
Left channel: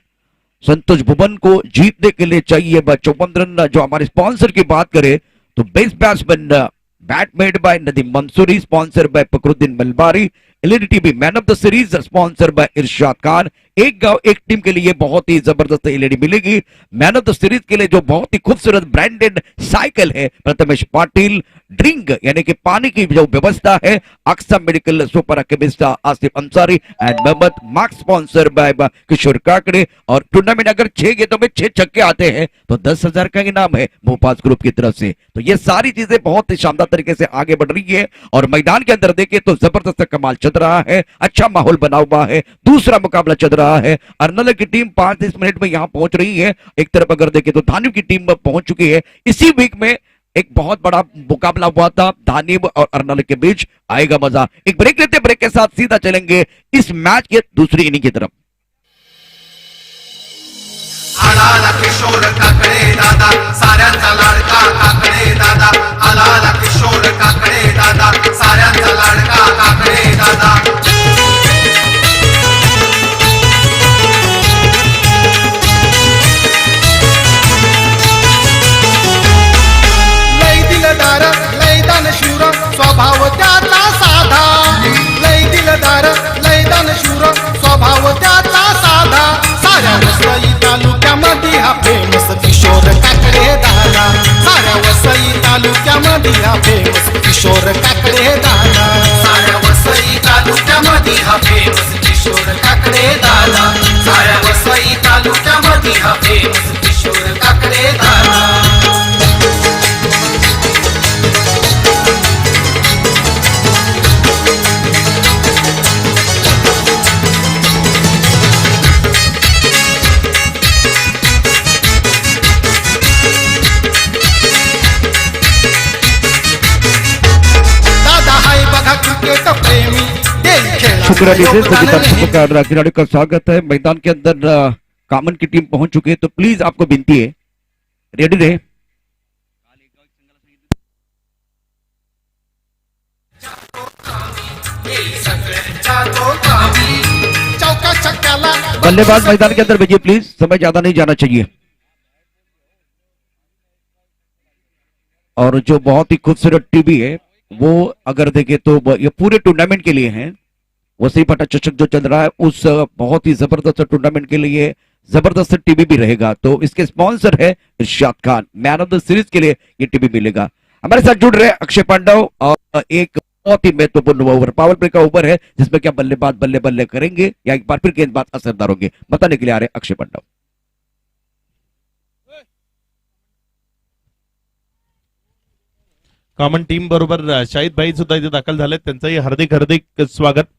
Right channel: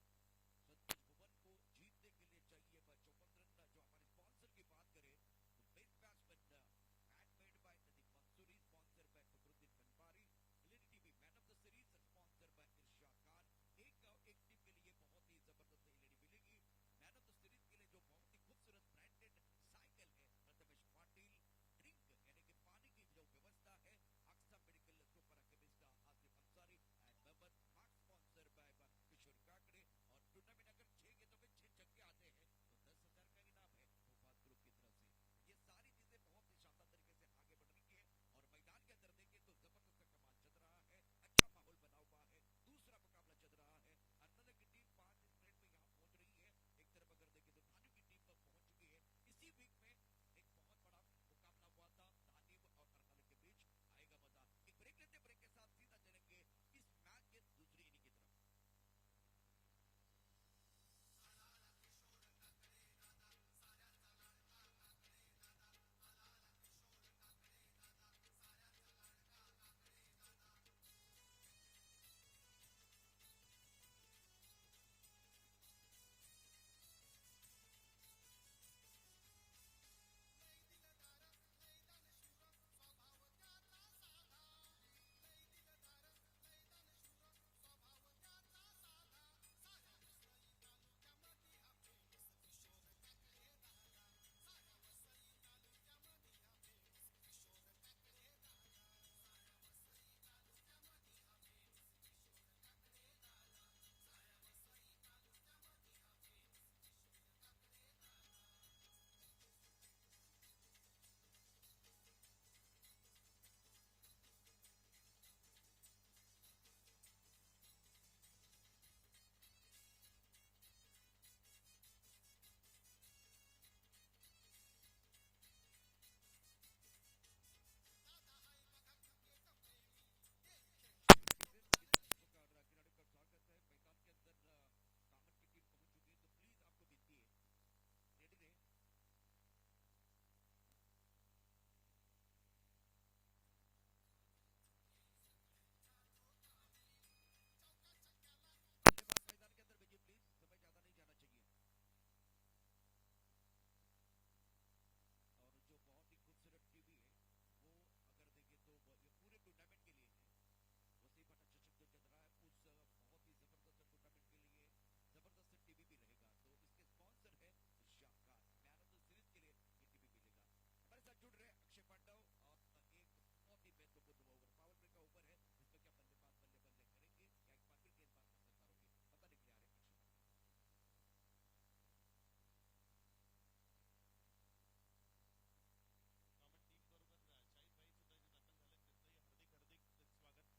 संतोष भुवन को जीतने के लिए चाहिए 54 रन। जो हमारे स्पॉन्सर की बात करें तो best batsman bat made by Nadeem Mansuri, sponsor by Fakruddin Malabari. LED TV man of the series sponsor by Irshad Khan. एक गांव एक टीम के लिए बहुत ही जबरदस्त एलईडी मिलेगी। मैन ऑफ द सीरीज के लिए जो बहुत ही खूबसूरत ब्रांडेड साइकिल है प्रथमेश पाटिल। ड्रिंक यानी कि पानी की जो व्यवस्था है Aqsa medical super chemist Asif Ansari and Mohammad marks sponsor by Kishore Kakade. और टूर्नामेंट अगर 6 गेंदों में 6 छक्के आते हैं तो 10,000 का इनाम है मोपाज ग्रुप की तरफ से। तो ये सारी चीजें बहुत ही शानदार तरीके से आगे बढ़ रही है और मैदान के अंदर देखें तो जबरदस्त कमाल चल रहा है। अच्छा माहौल बना हुआ है। दूसरा मुकाबला चल रहा है। अर्नल की टीम 5-10 मिनट में यहां पहुंच रही है। एक तरफ अगर देखें तो धानिव की टीम पहुंच चुकी है। इसी वीक में एक बहुत बड़ा मुकाबला हुआ था धानिव और अर्नल के बीच। आएगा मजा। एक ब्रेक लेते, ब्रेक के साथ सीधा चलेंगे इस मैच के दूसरी इनिंग की तरफ। आलाला किशोर काकडे दादा साऱ्यांचा लाडका काकडे दादा आलाला किशोर काकडे दादा साऱ्यांचा लाडका काकडे दादा लय दिलदार लय दानशूर स्वभाव त्याचा साधा लय दिलदार लय दानशूर स्वभाव त्याचा साधा साऱ्या वसई तालुक्यामध्ये हा फेमस किशोर काकडे दादा साऱ्या वसई तालुक्यामध्ये हा फेमस किशोर काकडे दादा साऱ्या वसई तालुक्यामध्ये हा फेमस किशोर काकडे दादा साऱ्या वसई तालुक्यामध्ये हा फेमस किशोर काकडे दादा शुक्रिया डीजे। सभी दर्शकों का और खिलाड़ियों का स्वागत है। मैदान के अंदर कामन की टीम पहुंच चुकी है तो प्लीज आपको विनती है रेडी रहे। चौका छक्क्याला बल्लेबाज मैदान के अंदर भेजिए प्लीज, समय ज्यादा नहीं जाना चाहिए। और जो बहुत ही खूबसूरत टीवी है वो अगर देखें तो ये पूरे टूर्नामेंट के लिए है। वसई पाटा चषक जो चल रहा है उस बहुत ही जबरदस्त टूर्नामेंट के लिए जबरदस्त टीवी भी रहेगा। तो इसके स्पॉन्सर है Irshad Khan. Man of the series के लिए ये टीवी मिलेगा। हमारे साथ जुड़ रहे अक्षय पांडव और एक बहुत ही महत्वपूर्ण ओवर, पावर प्ले का ओवर है जिसमें क्या बल्लेबाज बल्ले बल्ले करेंगे या एक बार फिर गेंदबाज असरदार होंगे, बताने के लिए आ रहे अक्षय पांडव। कॉमन टीम बरोबर शाहिद भाई सुद्धा इथे दाखल झाले, त्यांचंही हार्दिक हार्दिक स्वागत.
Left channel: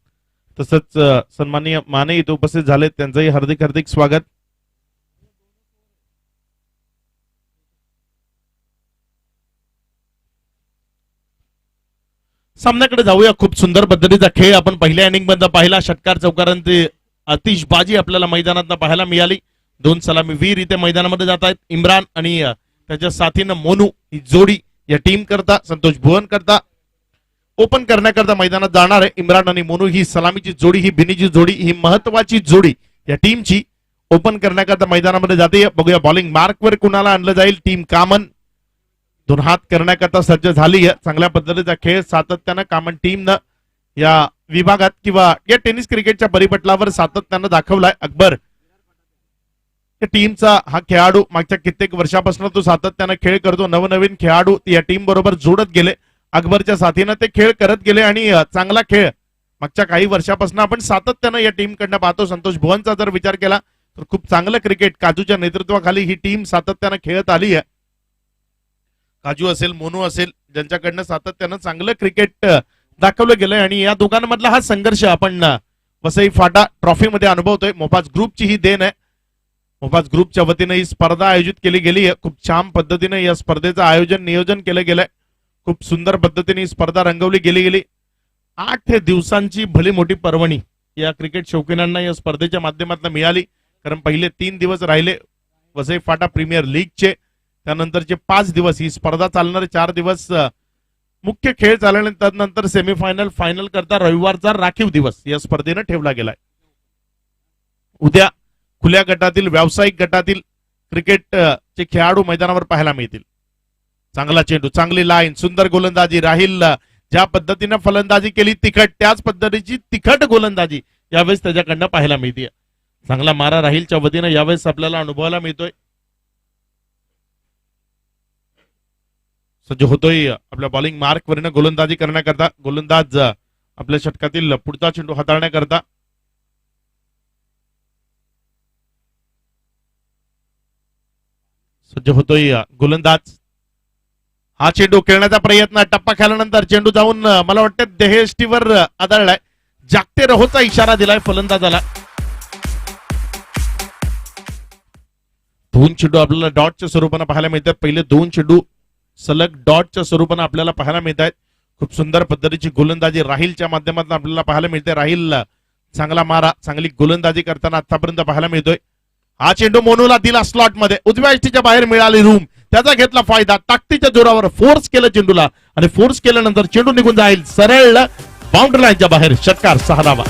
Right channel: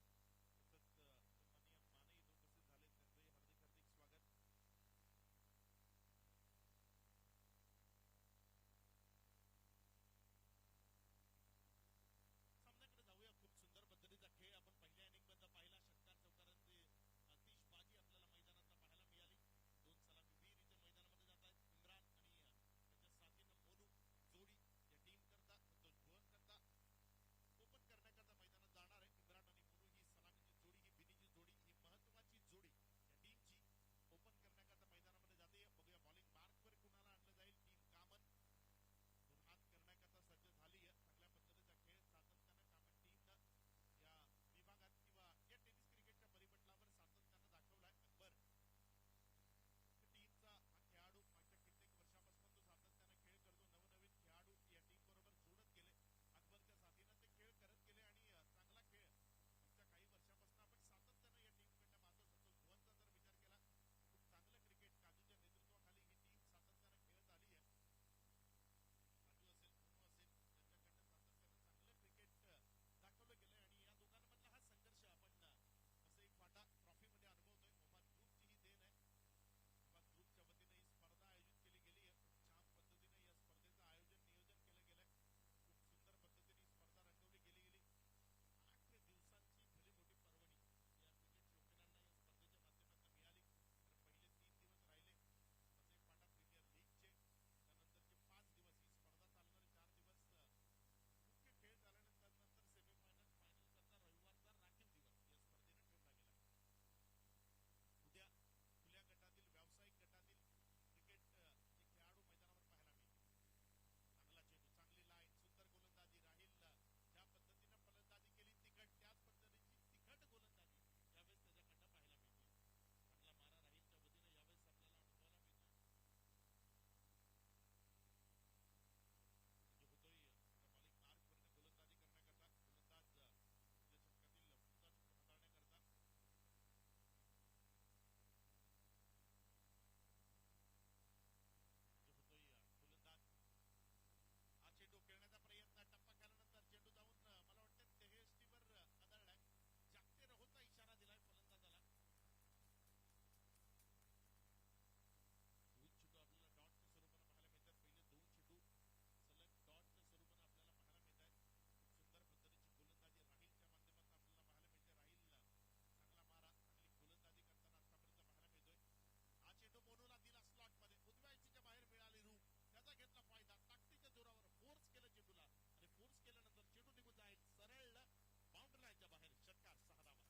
तसंच सन्माननीय माने इथे उपस्थित झाले, त्यांचंही हार्दिक हार्दिक स्वागत. सामन्याकडे जाऊया. खूप सुंदर पद्धतीचा खेळ आपण पहिल्या इनिंग मध्ये पाहिला. षटकार चौकारांची आतिषबाजी आपल्याला मैदानात पाहायला मिळाली. 2 सलामी वीर इथे मैदानामध्ये जात आहेत. इम्रान आणि त्याच्या साथीनं मोनू ही जोडी या टीम करता, संतोष भुवन करता ओपन करण्याकरता मैदानात जाणार आहे. इम्रान आणि मोनू ही सलामीची जोडी, ही भिनीची जोडी, ही महत्वाची जोडी या टीमची ओपन करण्याकरता मैदानामध्ये जाते. बघूया बॉलिंग मार्कवर कुणाला आणलं जाईल. टीम कामन 2 हात करण्याकरता सज्ज झाली आहे. चांगल्या पद्धतीचा खेळ सातत्यानं कामन टीमनं या विभागात किंवा या टेनिस क्रिकेटच्या परिपटलावर सातत्यानं दाखवलाय. अकबर या टीमचा हा खेळाडू मागच्या कित्येक वर्षापासून तो सातत्यानं खेळ करतो. नवनवीन खेळाडू या टीम बरोबर जोडत गेले. अकबरच्या साथीनं ते खेळ करत गेले आणि चांगला खेळ मागच्या काही वर्षापासून आपण सातत्यानं या टीम कडनं पाहतो. संतोष भुवनचा जर विचार केला तर खूप चांगलं क्रिकेट काजूच्या नेतृत्वाखाली ही टीम सातत्यानं खेळत आली आहे. काजू असेल, मोनू असेल, ज्यांच्याकडनं सातत्यानं चांगलं क्रिकेट दाखवलं गेलंय आणि या दोघांमधला हा संघर्ष आपण वसई फाटा ट्रॉफी मध्ये अनुभवतोय. मोफाज ग्रुपची ही देण आहे. मोफाज ग्रुपच्या वतीने ही स्पर्धा आयोजित केली गेली आहे. खूप छान पद्धतीने या स्पर्धेचं आयोजन नियोजन केलं गेलंय. खूप सुंदर पद्धतीने ही स्पर्धा रंगवली गेली. 8 दिवसांची भली मोठी पर्वणी या क्रिकेट शौकीनांना या स्पर्धेच्या माध्यमातून मिळाली. कारण पहिले 3 दिवस राहिले वसई फाटा प्रीमियर लीगचे, त्यानंतरचे 5 दिवस ही स्पर्धा चालणार. 4 दिवस मुख्य खेळ चालल्यानंतर नंतर सेमीफायनल फायनल करता रविवारचा राखीव दिवस या स्पर्धेनं ठेवला गेलाय. उद्या खुल्या गटातील व्यावसायिक गटातील क्रिकेट चे खेळाडू मैदानावर पाहायला मिळतील. चांगला चेंडू, चांगली लाईन, सुंदर गोलंदाजी. राहिल ज्या पद्धतीने फलंदाजी केली तिखट, त्याच पद्धतीची तिखट गोलंदाजी यावेळेस त्याच्याकडनं पाहायला मिळते. चांगला मारा राहिलच्या वतीने यावेळेस आपल्याला अनुभवायला मिळतोय. सज्ज होतोय आपल्या बॉलिंग मार्क वरनं गोलंदाजी करण्याकरता. गोलंदाज आपल्या षटकातील पुढचा चेंडू हाताळण्याकरता सज्ज होतोय गोलंदाज. हा चेंडू खेळण्याचा प्रयत्न, टप्पा खेळल्यानंतर चेंडू जाऊन मला वाटतं देहेष्टीवर आदळलाय. जागते रहोचा इशारा दिलाय फलंदाजाला. 2 चेंडू आपल्याला डॉटच्या स्वरूपाने पाहायला मिळतात. पहिले 2 चेंडू सलग डॉटच्या स्वरूपाने आपल्याला पाहायला मिळत आहेत. खूप सुंदर पद्धतीची गोलंदाजी राहिलच्या माध्यमातून आपल्याला पाहायला मिळते. राहिल चांगला मारा, चांगली गोलंदाजी करताना आतापर्यंत पाहायला मिळतोय. हा चेंडू मोनूला दिला स्लॉट मध्ये, उजव्या यष्टीच्या बाहेर मिळाली रूम, त्याचा घेतला फायदा. ताकदीच्या जोरावर फोर्स केलं चेंडूला आणि फोर्स केल्यानंतर चेंडू निघून जाईल सरळ बाउंड्री लाईनच्या बाहेर. षटकार 6 धावा.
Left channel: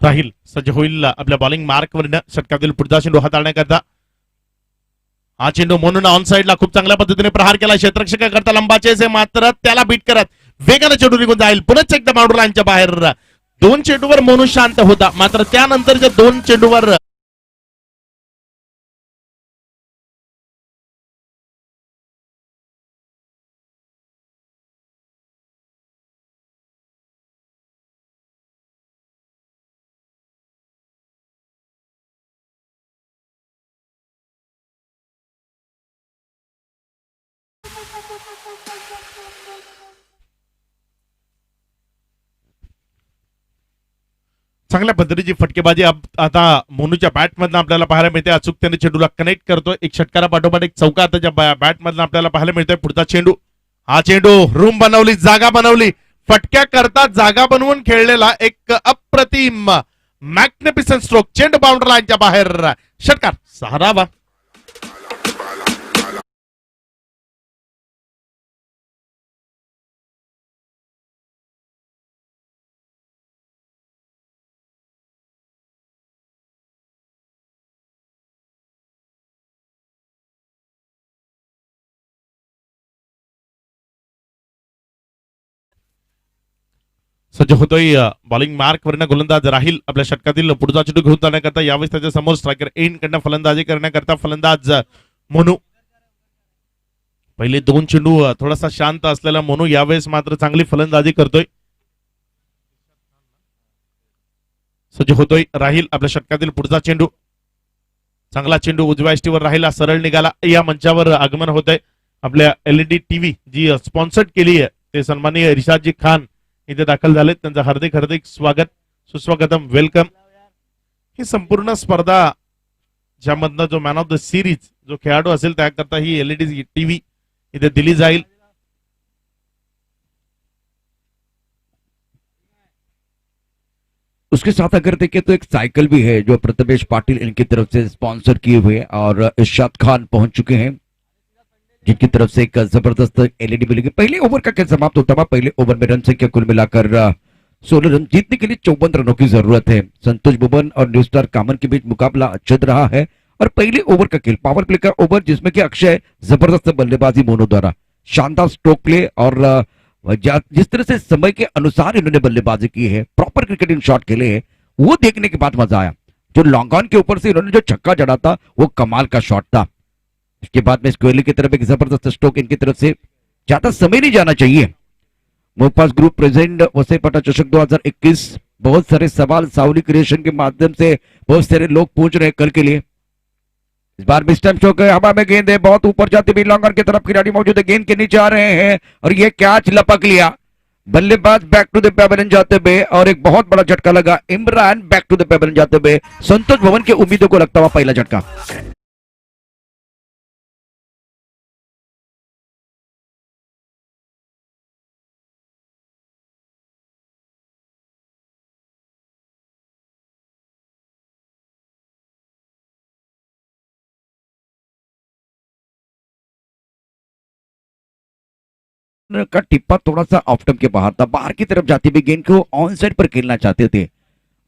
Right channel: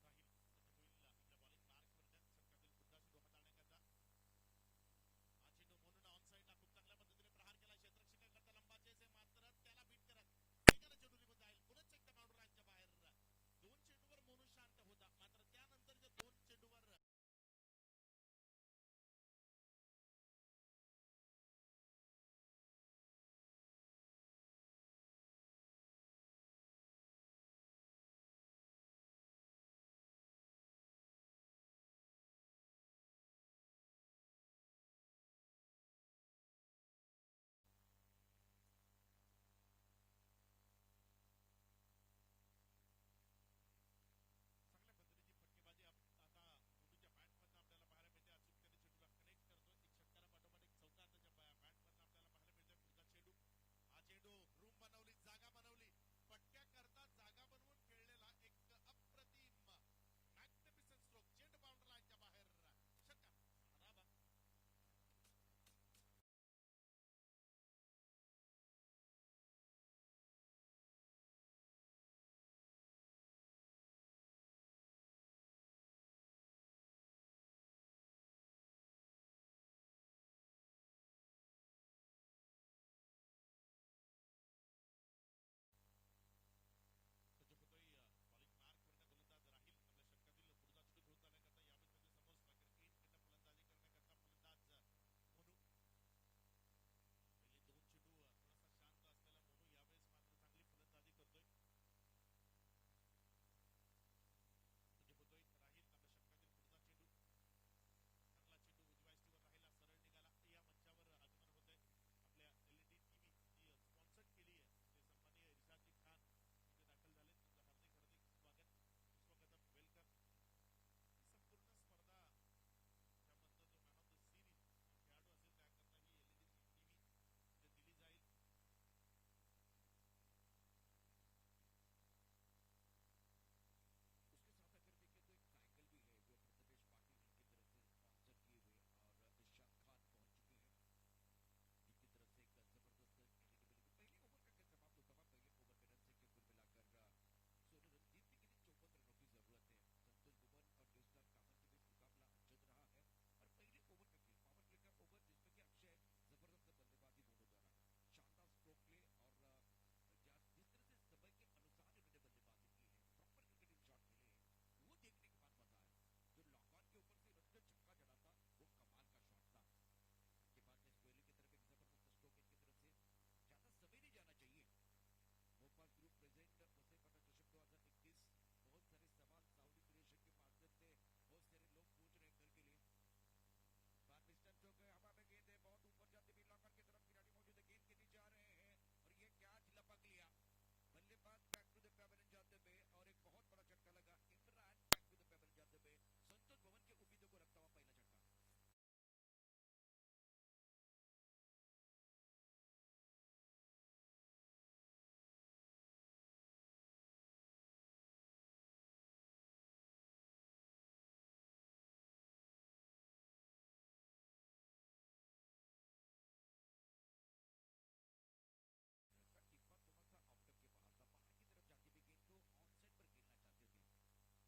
राहील सज्ज होईल आपल्या बॉलिंग मार्कवरनं षटकातील पुढचा चेंडू हाताळण्याकरता. हा चेंडू म्हणून ऑन साइडला खूप चांगल्या पद्धतीने प्रहार केला क्षेत्ररक्षकाकरता. लंबाचे मात्र त्याला बीट करत वेगाने चेंडू निघून जाईल. पुनच एकदा बाउंड्री लाईनच्या बाहेर. 2 चेंडूवर मोनू शांत होता, मात्र त्यानंतरच्या 2 चेंडूवर चांगल्या पद्धतीची फटकेबाजी आता मोनूच्या बॅट मधनं आपल्याला पाहायला मिळते. अचूकतेने चेंडूला कनेक्ट करतोय. एक षटकारा पाठोपाठ एक चौका आता बॅट मधनं आपल्याला पाहायला मिळतोय. पुढचा चेंडू, हा चेंडू रूम बनवली, जागा बनवली, फटक्या करता जागा बनवून खेळलेला एक अप्रतिम मॅग्निफिसंट स्ट्रोक. चेंडू बाउंड्री लाईनच्या बाहेर, षटकार 6 धावा. सज्ज होतोय बॉलिंग मार्क वरनं गोलंदाज राहील. आपल्या षटकातील पुढचा चेंडू घेऊन जाण्याकरता यावेळेस त्याच्या समोर स्ट्रायकर एन कडनं फलंदाजी करण्याकरता फलंदाज मोनू. पहिले 2 चेंडू थोडासा शांत असलेला मोनू यावेळेस मात्र चांगली फलंदाजी करतोय. सज्ज होतोय राहील. आपल्या षटकातील पुढचा चेंडू, चांगला चेंडू उजव्या यष्टीवर राहिला, सरळ निघाला. या मंचावर आगमन होत आहे आपल्या LED टीव्ही जी स्पॉन्सर्ड केली आहे ते सन्माननीय रिशादजी खान इथे दाखल झाले. त्यांचं हार्दिक हार्दिक स्वागत, सुस्वागतम, वेलकम. ही संपूर्ण स्पर्धा ज्यामधनं जो मॅन ऑफ द सिरीज जो खेळाडू असेल त्याकरता ही LED टीव्ही इथे दिली जाईल. उसके साथ अगर देखें तो एक साइकिल भी है जो प्रथमेश पाटिल इनकी तरफ से स्पॉन्सर किए हुए और इरशाद खान पहुंच चुके हैं जिनकी तरफ से एक जबरदस्त LED मिलेगी. पहले ओवर का खेल समाप्त होता हुआ पहले ओवर में रन संख्या कुल मिलाकर 16 रन. जीतने के लिए 54 रनों की जरूरत है. संतोष बुबन और न्यू स्टार कामन के बीच मुकाबला चल रहा है और पहले ओवर का खेल पावर प्ले का ओवर जिसमें कि अक्षय जबरदस्त बल्लेबाजी मोनू द्वारा, शानदार स्ट्रोक प्ले और जिस तरह से समय के अनुसार इन्होंने बल्लेबाजी की है, प्रॉपर क्रिकेटिंग शॉट खेले हैं, वो देखने के बाद मजा आया. जो लॉन्ग ऑन के ऊपर से इन्होंने जो छक्का जड़ा था वो कमाल का शॉट था. इसके बाद में स्क्वेली की तरफ एक जबरदस्त स्ट्रोक, इनकी तरफ से ज्यादा समय नहीं जाना चाहिए. मोपास ग्रुप प्रेजेंट वसईपाटा चषक 2021. बहुत सारे सवाल साउली क्रिएशन के माध्यम से बहुत सारे लोग पूछ रहे हैं कल के लिए. इस बार भी स्टंप शो के हवा में गेंद है, बहुत ऊपर जाती हुई लॉन्ग ऑन की तरफ खिलाड़ी मौजूद है, गेंद के नीचे आ रहे हैं और ये कैच लपक लिया. बल्लेबाज बैक टू द पेवेलियन जाते हुए और एक बहुत बड़ा झटका लगा. Imran back to the pavilion जाते हुए संतोष भवन के उम्मीदों को लगता हुआ पहला झटका. का टिप्पा थोड़ा सा ऑफ टर्म के बाहर था, बाहर की तरफ जाती हुई गेंद को ऑन साइड पर खेलना चाहते थे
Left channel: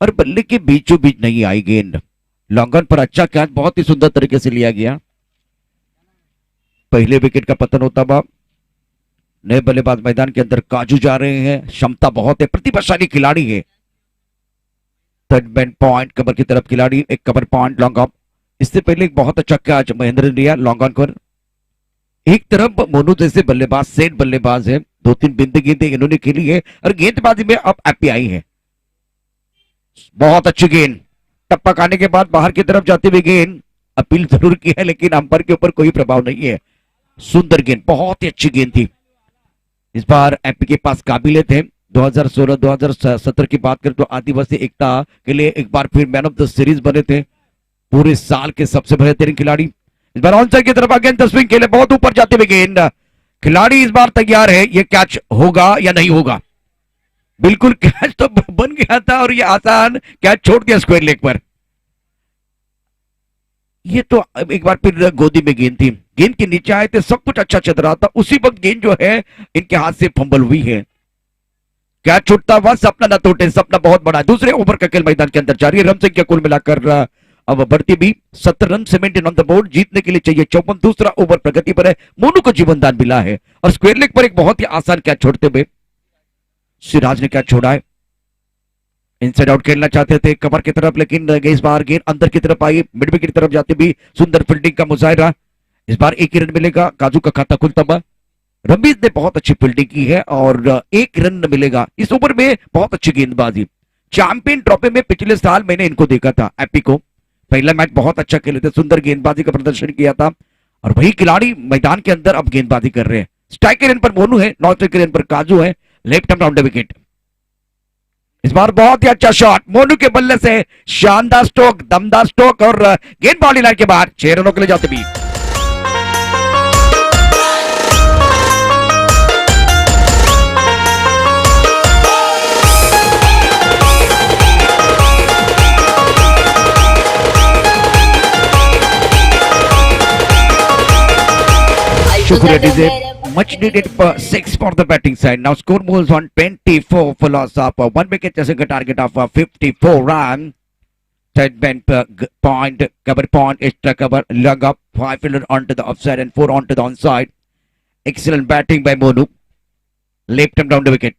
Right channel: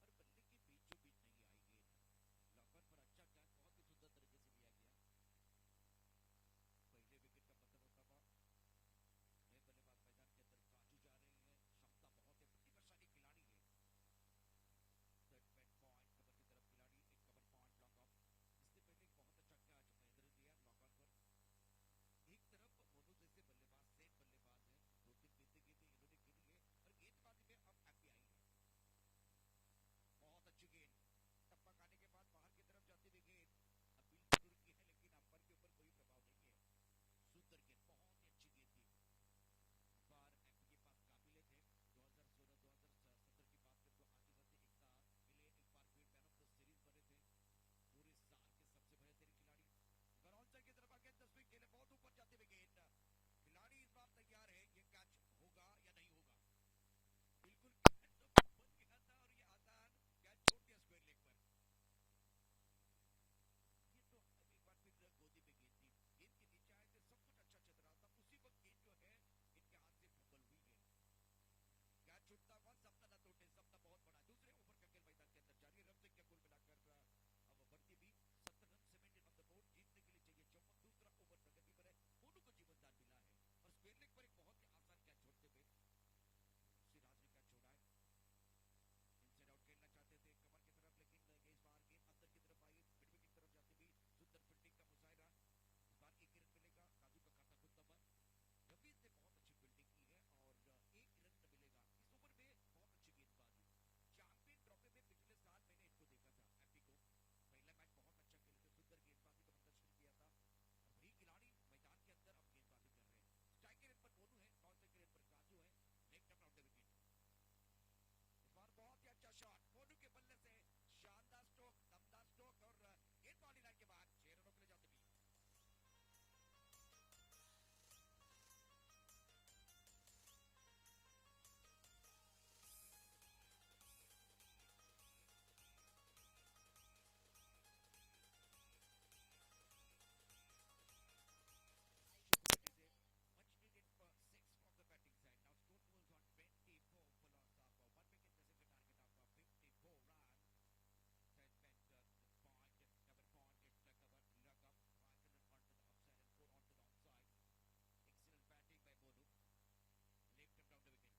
और बल्ले के बीचों बीच नहीं आई गेंद. लॉन्ग ऑन पर अच्छा कैच बहुत ही सुंदर तरीके से लिया गया. पहले विकेट का पतन होता हुआ नए बल्लेबाज मैदान के अंदर काजू जा रहे हैं. क्षमता बहुत है, प्रतिभाशाली खिलाड़ी है. थर्ड बैन पॉइंट कवर की तरफ खिलाड़ी, एक कवर पॉइंट लॉन्ग ऑफ. इससे पहले एक बहुत अच्छा कैच महेंद्र ने लिया लॉन्ग ऑन पर. एक तरफ मोनू जैसे बल्लेबाज सेट बल्लेबाज है, 2-3 बिंदी गेंदें इन्होंने खेली है और गेंदबाजी में अब एपी आई है. बहुत अच्छी गेंद, टप्पक आने के बाद बाहर की तरफ जाती हुई गेंद. अपील जरूर की है लेकिन अंपायर के ऊपर कोई प्रभाव नहीं है. सुंदर गेंद, बहुत ही अच्छी गेंद थी. इस बार एपी के पास काबिलियत थे. 2016-2017 की बात करें तो आदिवासी एकता के लिए एक बार फिर मैन ऑफ द सीरीज बने थे, पूरे साल के सबसे बेहतरीन खिलाड़ी. इस बार ऑन साइड की तरफ गेंद स्विंग खेले, बहुत ऊपर जाते हुए गेंद. खिलाड़ी इस बार तैयार है, ये कैच होगा या नहीं होगा. बिल्कुल कैच तो बन गया था और ये आसान कैच छोड़ दिया स्क्वायर लेग पर. ये तो एक बार फिर गोदी में गेंद थी, गेंद के नीचे आए थे, सब कुछ अच्छा चल रहा था, उसी वक्त गेंद जो है इनके हाथ से फंबल हुई है. कैच छूटता हुआ, सपना न टूटे, सपना बहुत बड़ा. दूसरे ओवर का खेल मैदान के अंदर जारी है. रन संख्या कुल मिलाकर अब बढ़ती भी 70 रन 17 ऑन द बोर्ड. जीतने के लिए चाहिए 54. दूसरा ओवर प्रगति पर है, मोनू को जीवनदान मिला है और स्क्वायर लेग पर एक बहुत ही आसान कैच छोड़ते हुए सिराज ने कैच छोड़ा है. इनसाइड आउट खेलना चाहते थे कवर की तरफ, लेकिन इस बार गेंद अंदर की तरफ आई, मिड विकेट की तरफ जाते भी सुंदर फील्डिंग का मुजाहिरा. इस बार एक ही रन मिलेगा, काजू का खाता खुलता हुआ. रमीज ने बहुत अच्छी फील्डिंग की है और एक रन मिलेगा. इस ओवर में बहुत अच्छी गेंदबाजी. चैंपियन ट्रॉफी में पिछले साल मैंने इनको देखा था, एपी को. पहला मैच बहुत अच्छा खेले थे, सुंदर गेंदबाजी का प्रदर्शन किया था और वही खिलाड़ी मैदान के अंदर अब गेंदबाजी कर रहे हैं. स्ट्राइकर एंड पर मोनू है, नॉन स्ट्राइकर एंड पर काजू है. Left arm round wicket. इस बार बहुत ही अच्छा शॉट मोनू के बल्ले से, शानदार स्ट्रोक, दमदार स्ट्रोक और गेंद बाउंड्री लाइन के बाहर 6 रनों के लिए जाते भी। शुक्रिया DJ, much needed 6 for the batting side. Now score moves on 24 for loss of 1 wicket, chasing a target of 54 runs. Third bend point, cover point, extra cover, lug up, 5 fielder onto the offside and 4 onto the onside. Excellent batting by Monu. Left him down the wicket.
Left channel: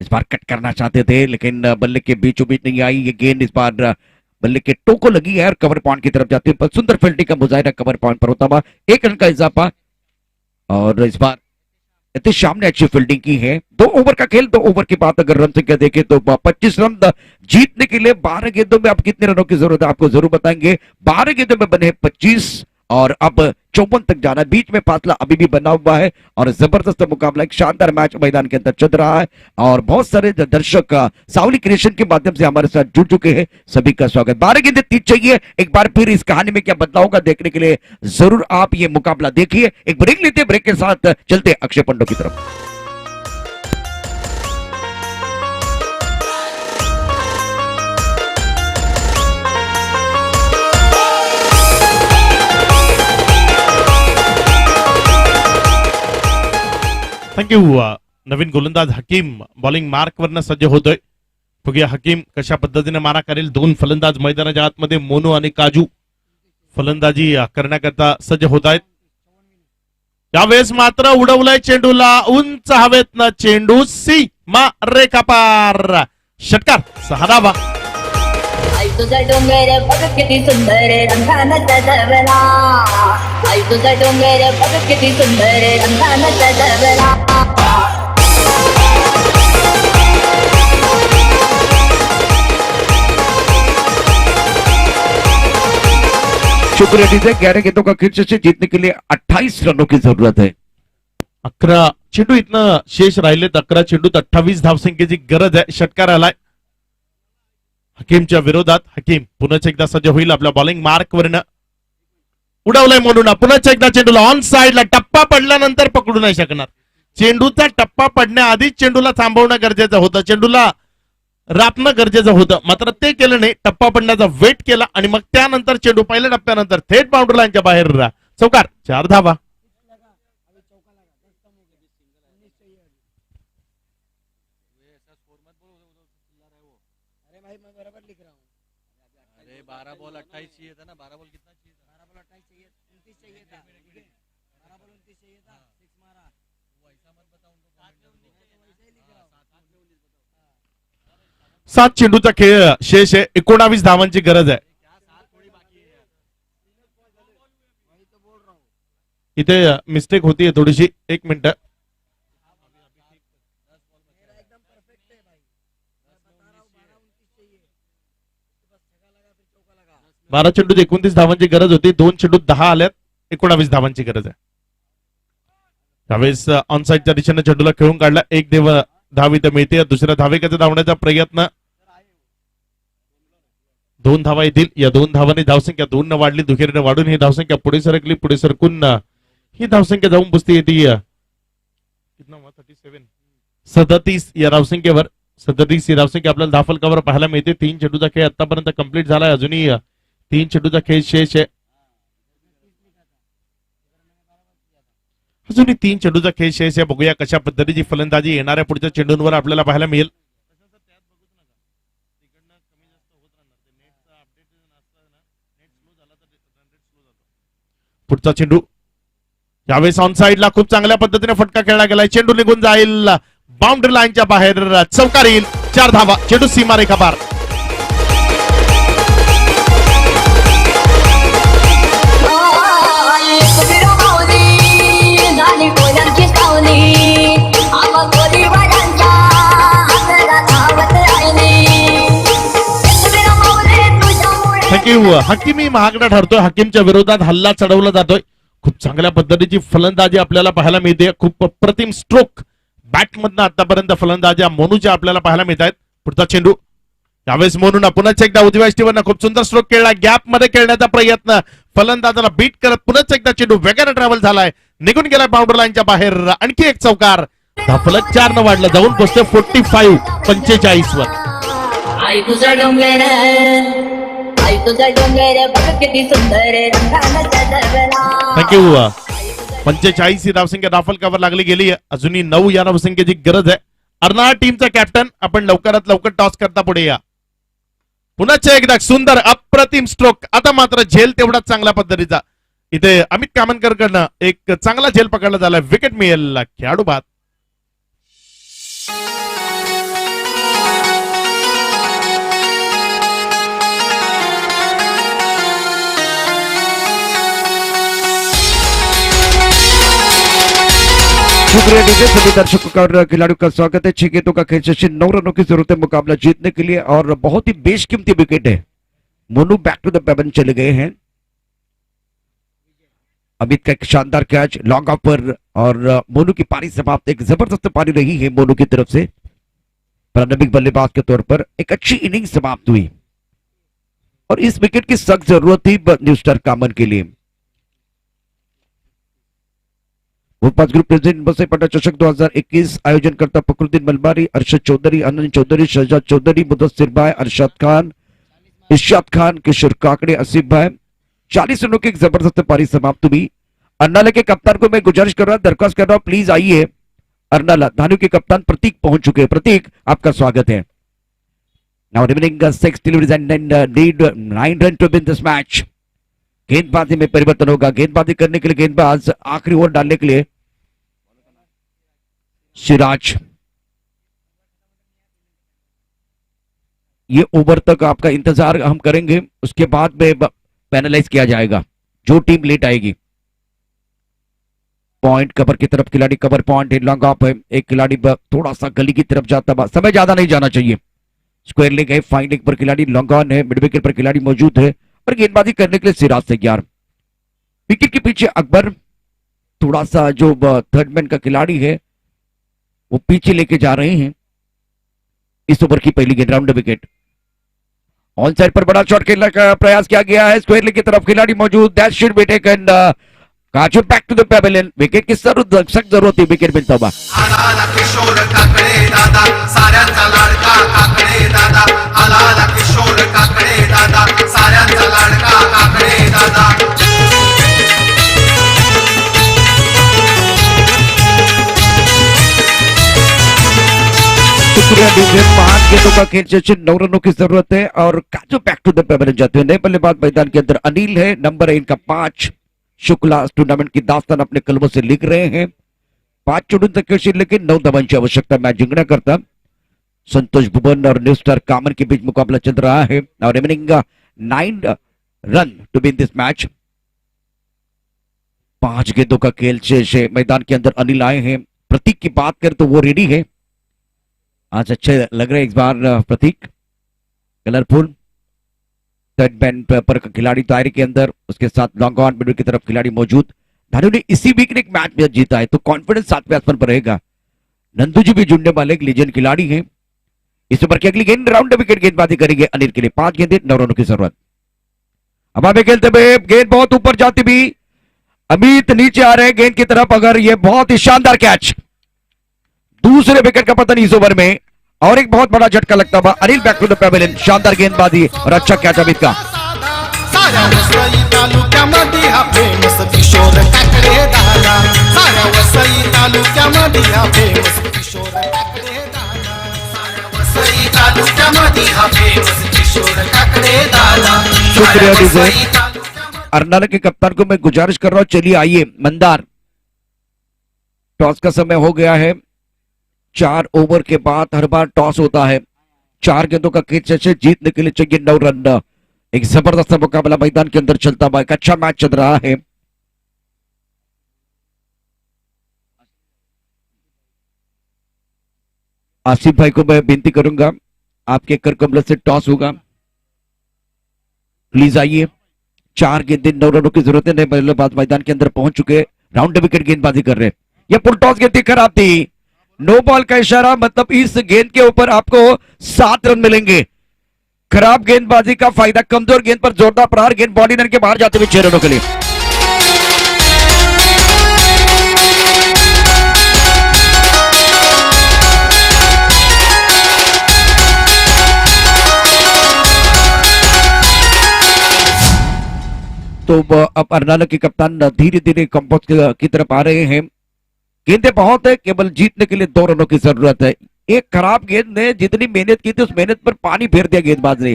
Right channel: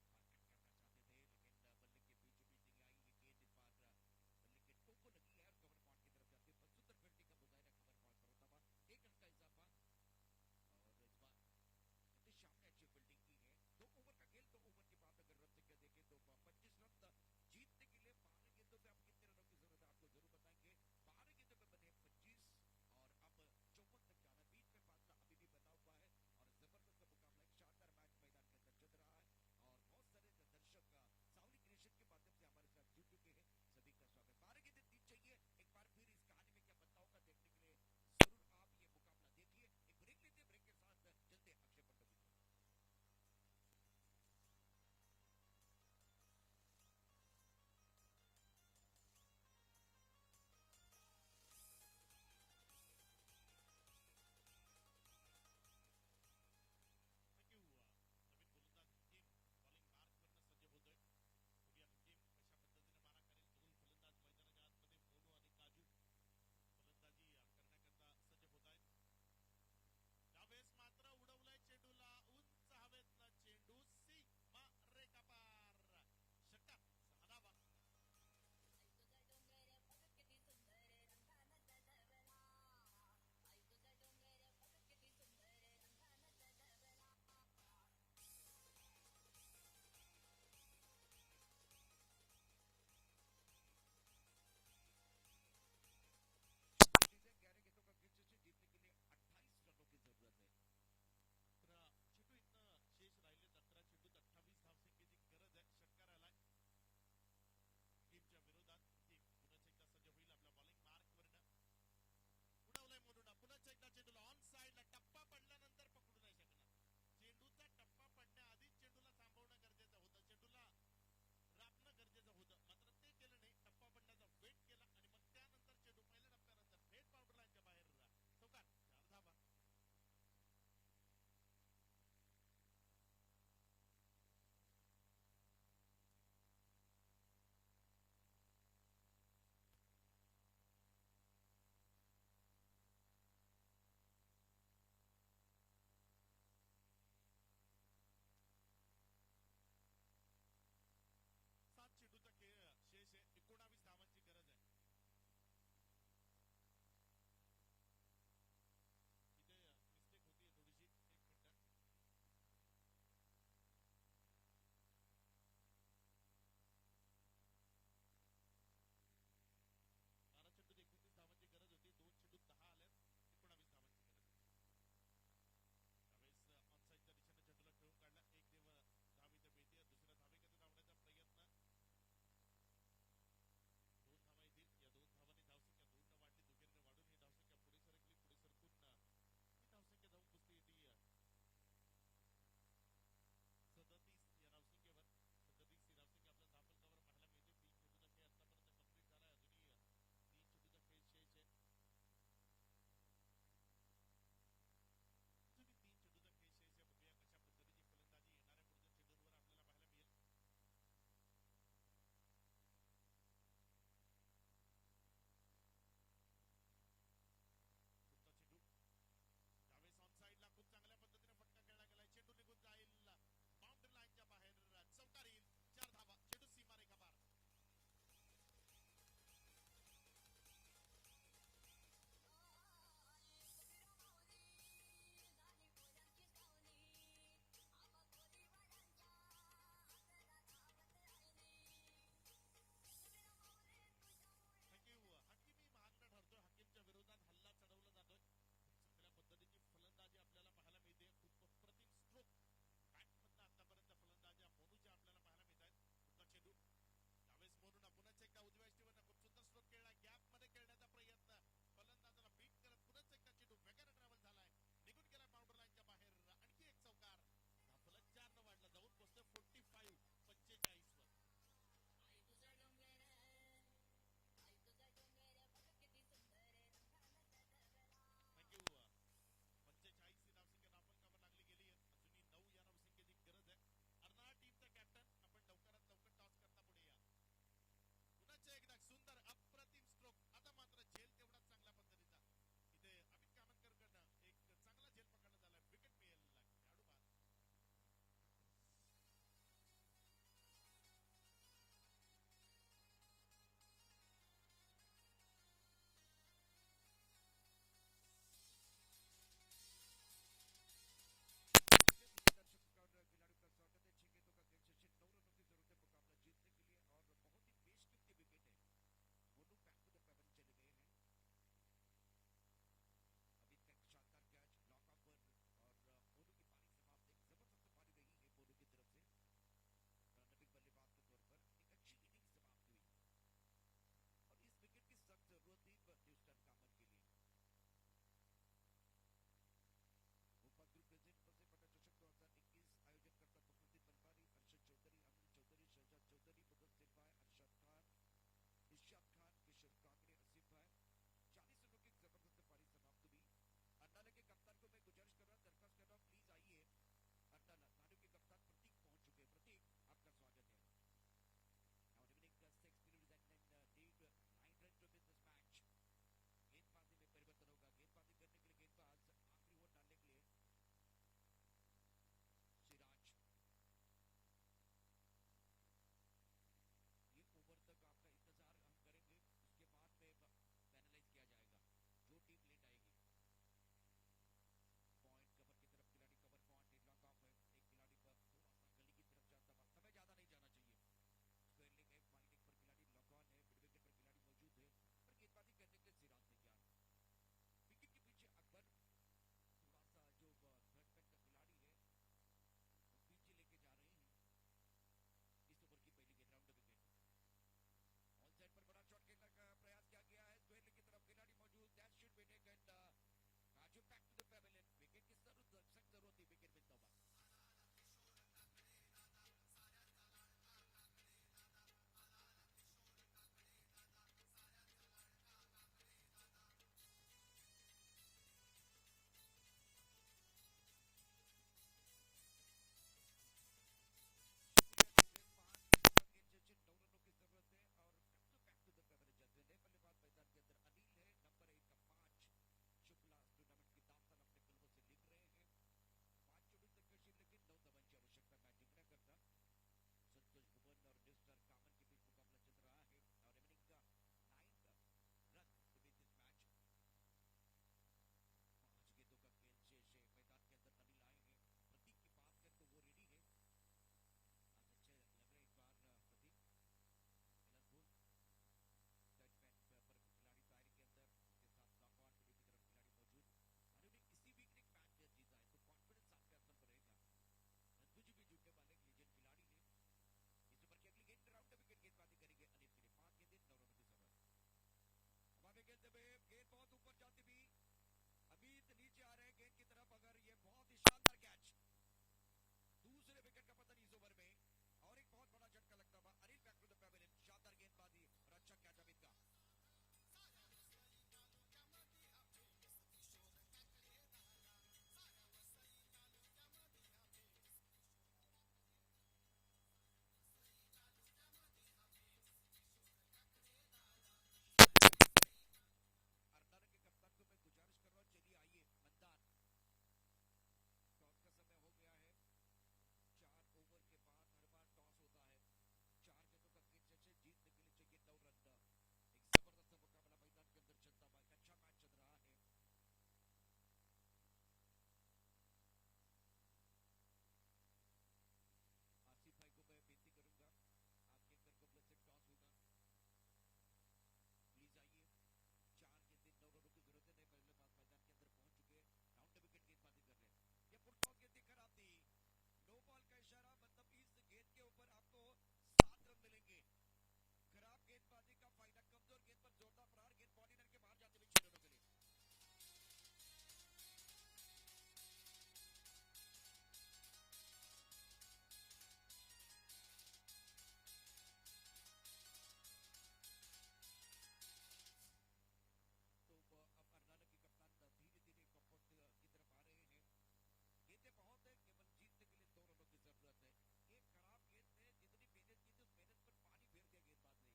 इस बार cut करना चाहते थे लेकिन बल्ले के बीचों बीच नहीं आई ये गेंद। इस बार बल्ले के टोको लगी है और कवर पॉइंट की तरफ जाती है, पर सुंदर फील्डिंग का मुजाहिरा कवर पॉइंट पर होता हुआ 1 रन का इजाफा। और इस बार नितिश शाम ने अच्छी फील्डिंग की है। 2 ओवर का खेल, 2 ओवर की बात अगर रन संख्या देखें तो 25 रन जीतने के लिए 12 गेंदों में अब कितने रनों की जरूरत है आपको जरूर बताएंगे। 12 गेंदों में बने 25 और अब 54 तक जाना, बीच में फासला अभी भी बना हुआ है और जबरदस्त मुकाबला, एक शानदार मैच मैदान के अंदर चल रहा है और बहुत सारे दर्शक सावली क्रिएशन के माध्यम से हमारे साथ जुड़ चुके हैं, सभी का स्वागत। 12 गेंदें 30 चाहिए। एक बार फिर इस कहानी में क्या बदलाव होगा देखने के लिए जरूर आप ये मुकाबला देखिए। एक ब्रेक लेते, ब्रेक के साथ चलते अक्षय पंडो की तरफ। थँक्यू। नवीन गोलंदाज हकीम बॉलिंग मार्क वरनं सज्ज होतोय। बघूया हकीम कशा पद्धतीने मारा करेल। 2 फलंदाज मैदानाच्या आतमध्ये मोनू आणि काजू फलंदाजी करण्याकरता सज्ज होत आहेत। यावेळेस मात्र उडवलाय चेंडूला उंच हवेतनं, चेंडू सीमा रेखा पार, षटकार 6 धावा। आई तुझा डोंगर बघ किती सुंदर रंगानं सजवला, आई तुझा डोंगर बघ किती सुंदर रंगानं सजवला। शुक्रिया डीजे। 11 गेंदों का खेल से जीतने के लिए 28 रनों की जरूरत है। 11 चेंडू इथनं शेष राहिलेत। 11 चेंडूत 28 धावसंख्येची गरज आहे। षटकार आलाय हकीमच्या विरोधात। हकीम पुन्हा एकदा सज्ज होईल आपल्या बॉलिंग मार्क वरनं। उडवलाय मोनूना, पुन्हा एकदा चेंडूला ऑन साइडला, टप्पा पडल्यानंतर पकडू नाही शकणार। चेंडूचा टप्पा पडण्याआधीच चेंडूला थांबवणं गरजेचं होतं, चेंडूला रापणं गरजेचं होतं, मात्र ते केलं नाही। टप्पा पडण्याचा वेट केला आणि मग त्यानंतर चेंडू पहिल्या टप्प्यानंतर थेट बाउंड्री लाईनच्या बाहेर चौकार, 4 धावा। अरे 12 बॉल 28 चाहिए था ना, 12 बॉल कितना चाहिए था? 12 बॉल 28 चाहिए, 29 चाहिए था, 12 बॉल 29 चाहिए था, 6 मारा। वो ऐसा मत बताओ उनको, 7 में 19 चाहिए था, वैसे ही लिख रहा हूं, 7 में 19 बताओ। 7 चेंडूचा खेळ शेष आहे। 19 धावांची गरज आहे। इथे मिस्टेक होतीये थोडीशी, 1 मिनिट। 12 चेंडूत 29 धावांची गरज होती। 2 चेंडूत 10 आल्यात, 19 धावांची गरज आहे। त्यावेळेस ऑनसाइडच्या दिशेने चेंडूला खेळून काढला। 1 धाव इथे मिळते। दुसऱ्या धावेकडे धावण्याचा प्रयत्न, 2 धावा येतील। या 2 धावांनी धावसंख्या 2 न वाढली, दुहेरीने वाढून ही धावसंख्या पुढे सरकली। पुढे सरकून ही धावसंख्या जाऊन पुसती येते 37 या धावसंख्येवर। 37 ही धावसंख्या आपल्याला धावफलकावर पाहायला मिळते। 3 चेंडूचा खेळ आतापर्यंत कंप्लीट झालाय, अजूनही 3 चेंडूचा खेळ शेष आहे। अजूनही 3 चेंडूचा खेळ शेष आहे। बघूया कशा पद्धतीची फलंदाजी येणाऱ्या पुढच्या चेंडूंवर आपल्याला पाहायला मिळेल। पुढचा चेंडू यावेळेस ऑन साइडला खूप चांगल्या पद्धतीने फटका खेळला गेलाय। चेंडू निघून जाईल बाउंड्री लाईनच्या बाहेर, चौकार येईल, 4 धावा। चेंडू सीमारेखा पार। थँक्यू। हकीमी महागडा ठरतोय। हकीमच्या विरोधात हल्ला चढवला जातोय। खूप चांगल्या पद्धतीची फलंदाजी आपल्याला पाहायला मिळते। खूप अप्रतिम स्ट्रोक बॅटमधनं आतापर्यंत फलंदाज्या मोनूच्या आपल्याला पाहायला मिळत आहेत. पुढचा चेंडू यावेळेस मोनून पुन्हा एकदा उजव्या स्टीवरनं खूप सुंदर स्ट्रोक खेळला. गॅप मध्ये खेळण्याचा प्रयत्न, फलंदाजाला बीट करत पुन्हा एकदा चेंडू वेगाने ट्रॅव्हल झालाय, निघून गेलाय बाउंड्री लाईनच्या बाहेर. आणखी एक चौकार, धाफलक 4 न वाढलं, जाऊन पोहोचते 45 वर. आई तुझा डोंगर, आई तुझा डोंगर बघ किती सुंदर रंगानं सजवला. थँक्यू. 45 ही धावसंख्या धाफलकावर लागली गेली. अजूनही 9 या धावसंख्येची गरज आहे. अर्नाळा टीमचा कॅप्टन, आपण लवकरात लवकर टॉस करता पुढे या. पुन्हा एकदा सुंदर अप्रतिम स्ट्रोक. आता मात्र झेल तेवढाच चांगल्या पद्धतीचा इथे अमित कामनकर कडनं एक चांगला झेल पकडला झाला. विकेट मिळेल खेळाडू बाद. शुक्रिया डीजे। सभी दर्शकों का और खिलाड़ियों का स्वागत है। 6 गेंदों का खेल शेष, 9 रनों की जरूरत है मुकाबला जीतने के लिए और बहुत ही बेशकीमती विकेट है। मोनू बैक टू द पेवन चले गए हैं। अमित का एक शानदार कैच लॉन्ग ऑफ पर और मोनू की पारी समाप्त। एक जबरदस्त पारी रही है मोनू की तरफ से। प्रारंभिक बल्लेबाज के तौर पर एक अच्छी इनिंग समाप्त हुई और इस विकेट की सख्त जरूरत थी न्यू स्टार कामन के लिए। भोपाल ग्रुप प्रेसिडेंट बसेपाटा चषक 2021 आयोजन करता फखरुद्दीन मलबारी, अरशद चौधरी, आनंद चौधरी, शहजाद चौधरी, मुदस्सिर भाई, अरशद खान, इर्शाद खान, किशोर काकड़े, आसिफ भाई। 40 रनों की एक जबरदस्त पारी समाप्त हुई। अर्नाला के कप्तान को मैं गुजारिश कर रहा हूं, दरख्वास्त कर रहा हूं, प्लीज आइए। अर्नाला धानु के कप्तान प्रतीक पहुंच चुके हैं। प्रतीक, आपका स्वागत है। Now remaining 6 deliveries and then need 9 run to win this match. गेंदबाजी में परिवर्तन होगा। गेंदबाजी करने के लिए गेंदबाज आखिरी ओवर डालने के लिए सिराज। ये ओवर तक आपका इंतजार हम करेंगे, उसके बाद में पैनलाइज किया जाएगा जो टीम लेट आएगी। पॉइंट कवर की तरफ खिलाड़ी, कवर पॉइंट लॉन्ग ऑफ है। एक खिलाड़ी थोड़ा सा गली की तरफ जाता हुआ, समय ज्यादा नहीं जाना चाहिए। स्क्वायर लेग है, फाइन लेग पर खिलाड़ी लॉन्ग ऑन है, मिड विकेट पर खिलाड़ी मौजूद है और गेंदबाजी करने के लिए सिराज तैयार। विकेट के पीछे अकबर, थोड़ा सा जो थर्ड मैन का खिलाड़ी है वो पीछे लेके जा रहे हैं। इस ओवर की पहली गेंद राउंड विकेट। ऑन साइड पर बड़ा शॉट खेलने का प्रयास किया गया है। स्क्वायर लेग की तरफ खिलाड़ी मौजूद, that should be taken. Kaju back to the pavilion. Wicket की सख्त जरूरत थी विकेट मिलता हुआ। आला किशोर काकडे दादा, साऱ्यांचा लाडका काकडे दादा, आला किशोर काकडे दादा, साऱ्यांचा लाडका काकडे दादा। शुक्रिया डीजे। 5 गेंदों का खेल शेष, 9 रनों की जरूरत है और काजू बैक टू द पेवेलियन जाते हैं। नए बल्लेबाज मैदान के अंदर अनिल है, नंबर है इनका 5। शुक्ला इस टूर्नामेंट की दास्तान अपने कलमों से लिख रहे हैं। 5 चोटून तक लेकिन 9 धावांची आवश्यकता मैच जिंकना करता। संतोष भुवन और न्यू स्टार कामन के बीच मुकाबला चल रहा है और remaining 9 run to win this match. 5 गेंदों का खेल शेष है। मैदान के अंदर अनिल आए हैं। प्रतीक की बात करें तो वो रेडी है। आज अच्छे लग रहे हैं इस बार प्रतीक, कलरफुल। थर्ड मैन पर खिलाड़ी दायरे के अंदर, उसके साथ लॉन्ग ऑन मिडल की तरफ खिलाड़ी मौजूद। धानु ने इसी वीक ने एक मैच में जीता है तो कॉन्फिडेंस 7वें आसमान पर रहेगा। नंदू जी भी जुड़ने वाले एक लीजेंड खिलाड़ी हैं। इस ओवर की अगली गेंद राउंड विकेट गेंदबाजी करेंगे अनिल के लिए। 5 गेंदें, 9 रनों की जरूरत। अब आगे खेलते हुए गेंद बहुत ऊपर जाती भी, अमित नीचे आ रहे हैं गेंद की तरफ। अगर ये बहुत ही शानदार कैच, दूसरे विकेट का पतन इस ओवर में और एक बहुत बड़ा झटका लगता हुआ। Anil back to the pavilion. शानदार गेंदबाजी और अच्छा कैच अमित का। साऱ्या वसई तालुक्यामध्ये हा फेमस किशोर काकडे दादा, साऱ्या वसई तालुक्यामध्ये हा फेमस किशोर काकडे दादा, साऱ्या वसई तालुक्यामध्ये हा फेमस किशोर काकडे दादा। शुक्रिया डीजे। अर्नाला के कप्तान को मैं गुजारिश कर रहा हूं, चलिए आइए। मंदार, टॉस का समय हो गया है। 4 ओवर के बाद हर बार टॉस होता है। 4 गेंदों का खेल शेष, जीतने के लिए चाहिए 9 रन। एक जबरदस्त मुकाबला मैदान के अंदर चलता हुआ, एक अच्छा मैच चल रहा है। आसिफ भाई को मैं विनती करूंगा, आपके कर कमल से टॉस होगा, प्लीज आइए। 4 गेंदें, 9 रनों की जरूरत है। नए बल्लेबाज मैदान के अंदर पहुंच चुके, राउंड विकेट गेंदबाजी कर रहे हैं। यह पुल टॉस गेंद खराब थी, नो बॉल का इशारा, मतलब इस गेंद के ऊपर आपको 7 रन मिलेंगे। खराब गेंदबाजी का फायदा, कमजोर गेंद पर जोरदार प्रहार, गेंद बॉडी लाइन के बाहर जाते हुए 6 रनों के लिए। तो अब अर्नाला के कप्तान धीरे धीरे कंपोज की तरफ आ रहे हैं। गेंदें बहुत है, केवल जीतने के लिए 2 रनों की जरूरत है। एक खराब गेंद ने जितनी मेहनत की थी उस मेहनत पर पानी फेर दिया गेंदबाज ने।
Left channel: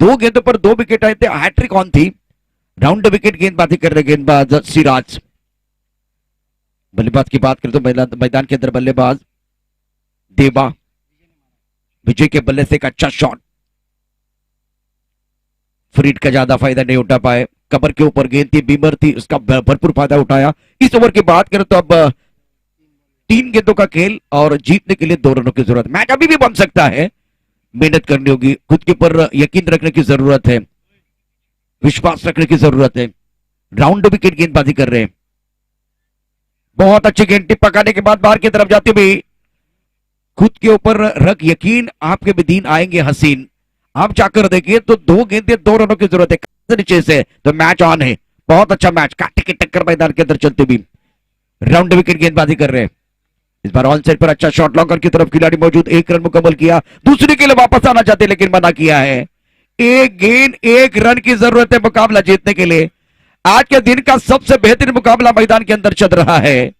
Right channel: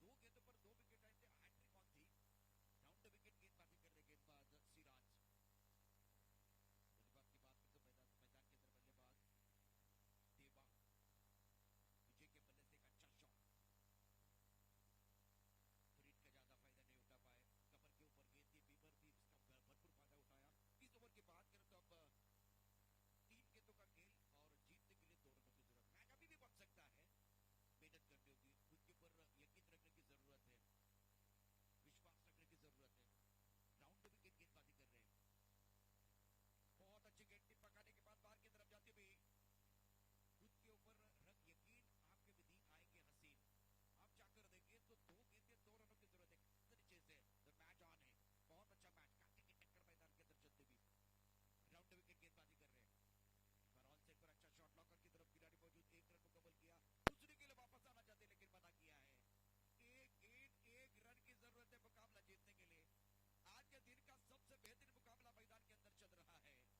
2 गेंदों पर 2 विकेट आए थे, हैट्रिक ऑन थी। राउंड विकेट गेंदबाजी कर रहे गेंदबाज सिराज। बल्लेबाज की बात करें तो मैदान के अंदर बल्लेबाज देवा, विजय के बल्ले से एक अच्छा शॉट, फ्रीड का ज्यादा फायदा नहीं उठा पाए। कबर के ऊपर गेंद थी, बीमर थी, उसका भरपूर फायदा उठाया। इस ओवर की बात करें तो अब 3 गेंदों का खेल और जीतने के लिए 2 रनों की जरूरत। मैच अभी भी बन सकता है, मेहनत करनी होगी, खुद के ऊपर यकीन रखने की जरूरत है, विश्वास रखने की जरूरत है। राउंड विकेट गेंदबाजी कर रहे हैं। बहुत अच्छी गेंद, टिप पकाने के बाद बाहर की तरफ जाते हुए खुद के ऊपर रख यकीन, आपके भी दिन आएंगे हसीन। आप जाकर देखिए तो 2 गेंदें 2 रनों की जरूरत है नीचे से, तो मैच ऑन है। बहुत अच्छा मैच, काटे की टक्कर मैदान के अंदर चलते भी राउंड विकेट गेंदबाजी कर रहे हैं। इस बार ऑन साइड पर अच्छा शॉट, लॉन्गर की तरफ खिलाड़ी मौजूद, 1 रन मुकम्मल किया, दूसरे के लिए वापस आना चाहते लेकिन मना किया है। 1 गेंद 1 रन की जरूरत है मुकाबला जीतने के लिए। आज के दिन का सबसे बेहतरीन मुकाबला मैदान के अंदर चल रहा है।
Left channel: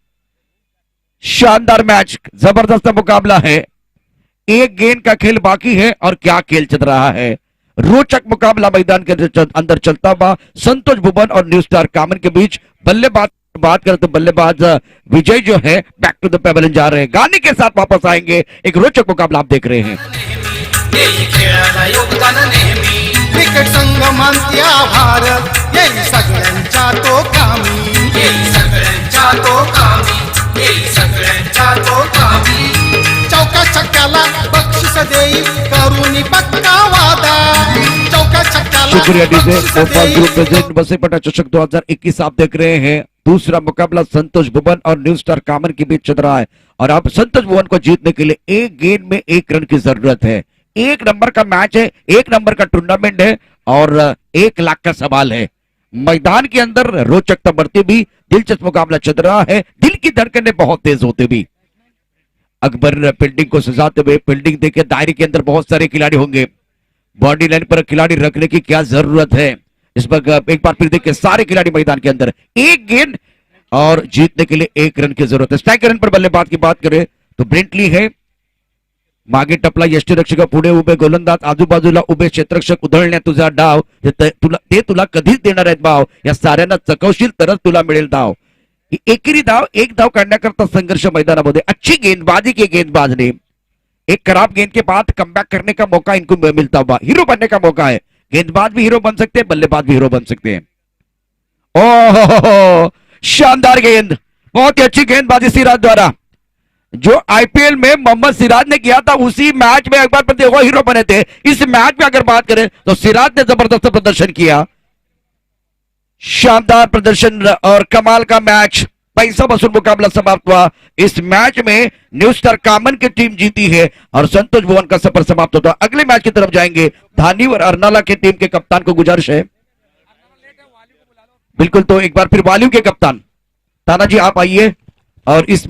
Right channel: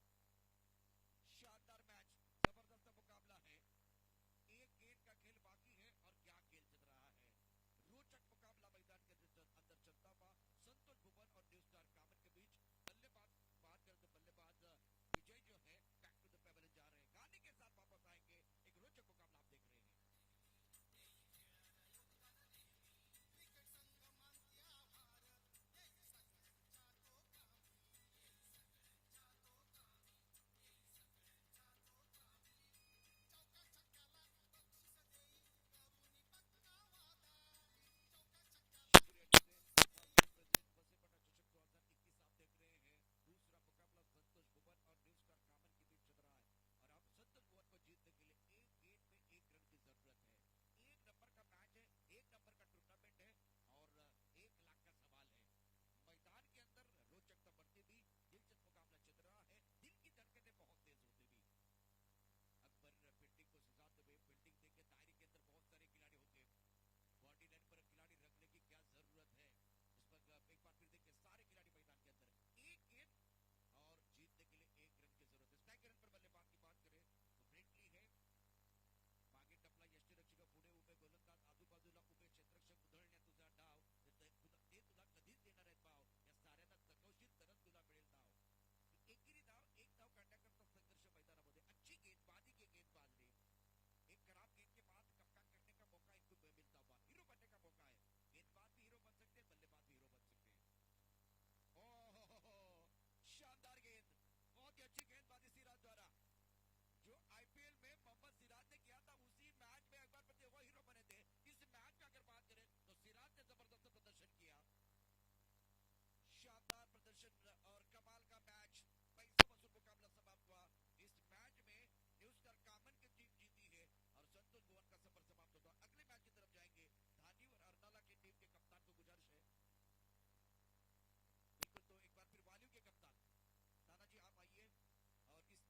शानदार मैच, जबरदस्त मुकाबला है। 1 गेंद का खेल बाकी है और क्या खेल चल रहा है। रोचक मुकाबला मैदान के अंदर चलता हुआ संतोष भुवन और न्यू स्टार कामन के बीच। बल्लेबाज बात करें तो बल्लेबाज विजय जो है बैक टू द पेवेलियन जा रहे हैं, गाने के साथ वापस आएंगे। एक रोचक मुकाबला आप देख रहे हैं। येई खेळाला योगदान नेहमी, क्रिकेट संघ मानती आभार, येई सगळ्यांच्या तो कामी, येई सगळ्यांच्या तो कामी, येई सगळ्यांच्या तो कामी। चौका छक्क्याला बक्षीस देई, करुणी पक्का वादा, चौका छक्क्याला शुक्रिया डीजे। बक्षीस भोपाल देई। ग्रुप प्रेजेंट बसेपटा चषक 2021 आप देख रहे हैं। दूसरा मुकाबला संतोष भुवन और न्यू स्टार कामन के बीच चल रहा है और अब संतोष भुवन को जीतने के लिए 1 गेंद में 1 रन की जरूरत है। 1 नंबर का मैच है, 1 नंबर का टूर्नामेंट है और 1 लाख का सवाल है। मैदान के अंदर रोचकता बढ़ती भी, दिलचस्प मुकाबला चल रहा है, दिल की धड़कनें बहुत तेज होते भी। अकबर फील्डिंग को सजाते हुए, फील्डिंग देखिए दायरे के अंदर बहुत सारे खिलाड़ी होंगे, बॉडी लाइन पर खिलाड़ी रखने की क्या जरूरत है। इस पर एक बार फिर देखिए सारे खिलाड़ी मैदान के अंदर। 1 गेंद और जीतने के लिए 1 रन की जरूरत है। स्ट्राइक रन पर बल्लेबाज की बात करें तो ब्रेंटली है, मागे टपला यष्टीरक्षक, पुढे उभे गोलंदाज, आजूबाजूला उभे क्षेत्ररक्षक, उधळण्या तुझा डाव, ते तुला कधीच देणार आहेत भाव, या साऱ्यांना चकवशील तरच तुला मिळेल धाव। एकेरी धाव, 1 धाव काढण्याकरता संघर्ष मैदानामध्ये। अच्छी गेंदबाजी की गेंदबाज ने, एक खराब गेंद के बाद कमबैक करने का मौका इनको मिलता हुआ, हीरो बनने का मौका है। गेंदबाज भी हीरो बन सकते हैं, बल्लेबाज भी हीरो बन सकते हैं। ओह शानदार गेंद, बहुत ही अच्छी गेंदबाजी सिराज द्वारा। जो आईपीएल में मोहम्मद सिराज ने किया था उसी मैच में एक बार फिर वो हीरो बने थे। इस मैच में अगर बात करें तो सिराज ने जबरदस्त प्रदर्शन किया, शानदार प्रदर्शन और कमाल का मैच। पैसा वसूल मुकाबला समाप्त हुआ। इस मैच में न्यू स्टार कामन की टीम जीती है और संतोष भुवन का सफर समाप्त होता है। अगले मैच की तरफ जाएंगे। धानी और अर्नाला की टीम के कप्तान को गुजारिश है, बिल्कुल, तो एक बार फिर वालियों के कप्तान तानाजी आप आइए और इस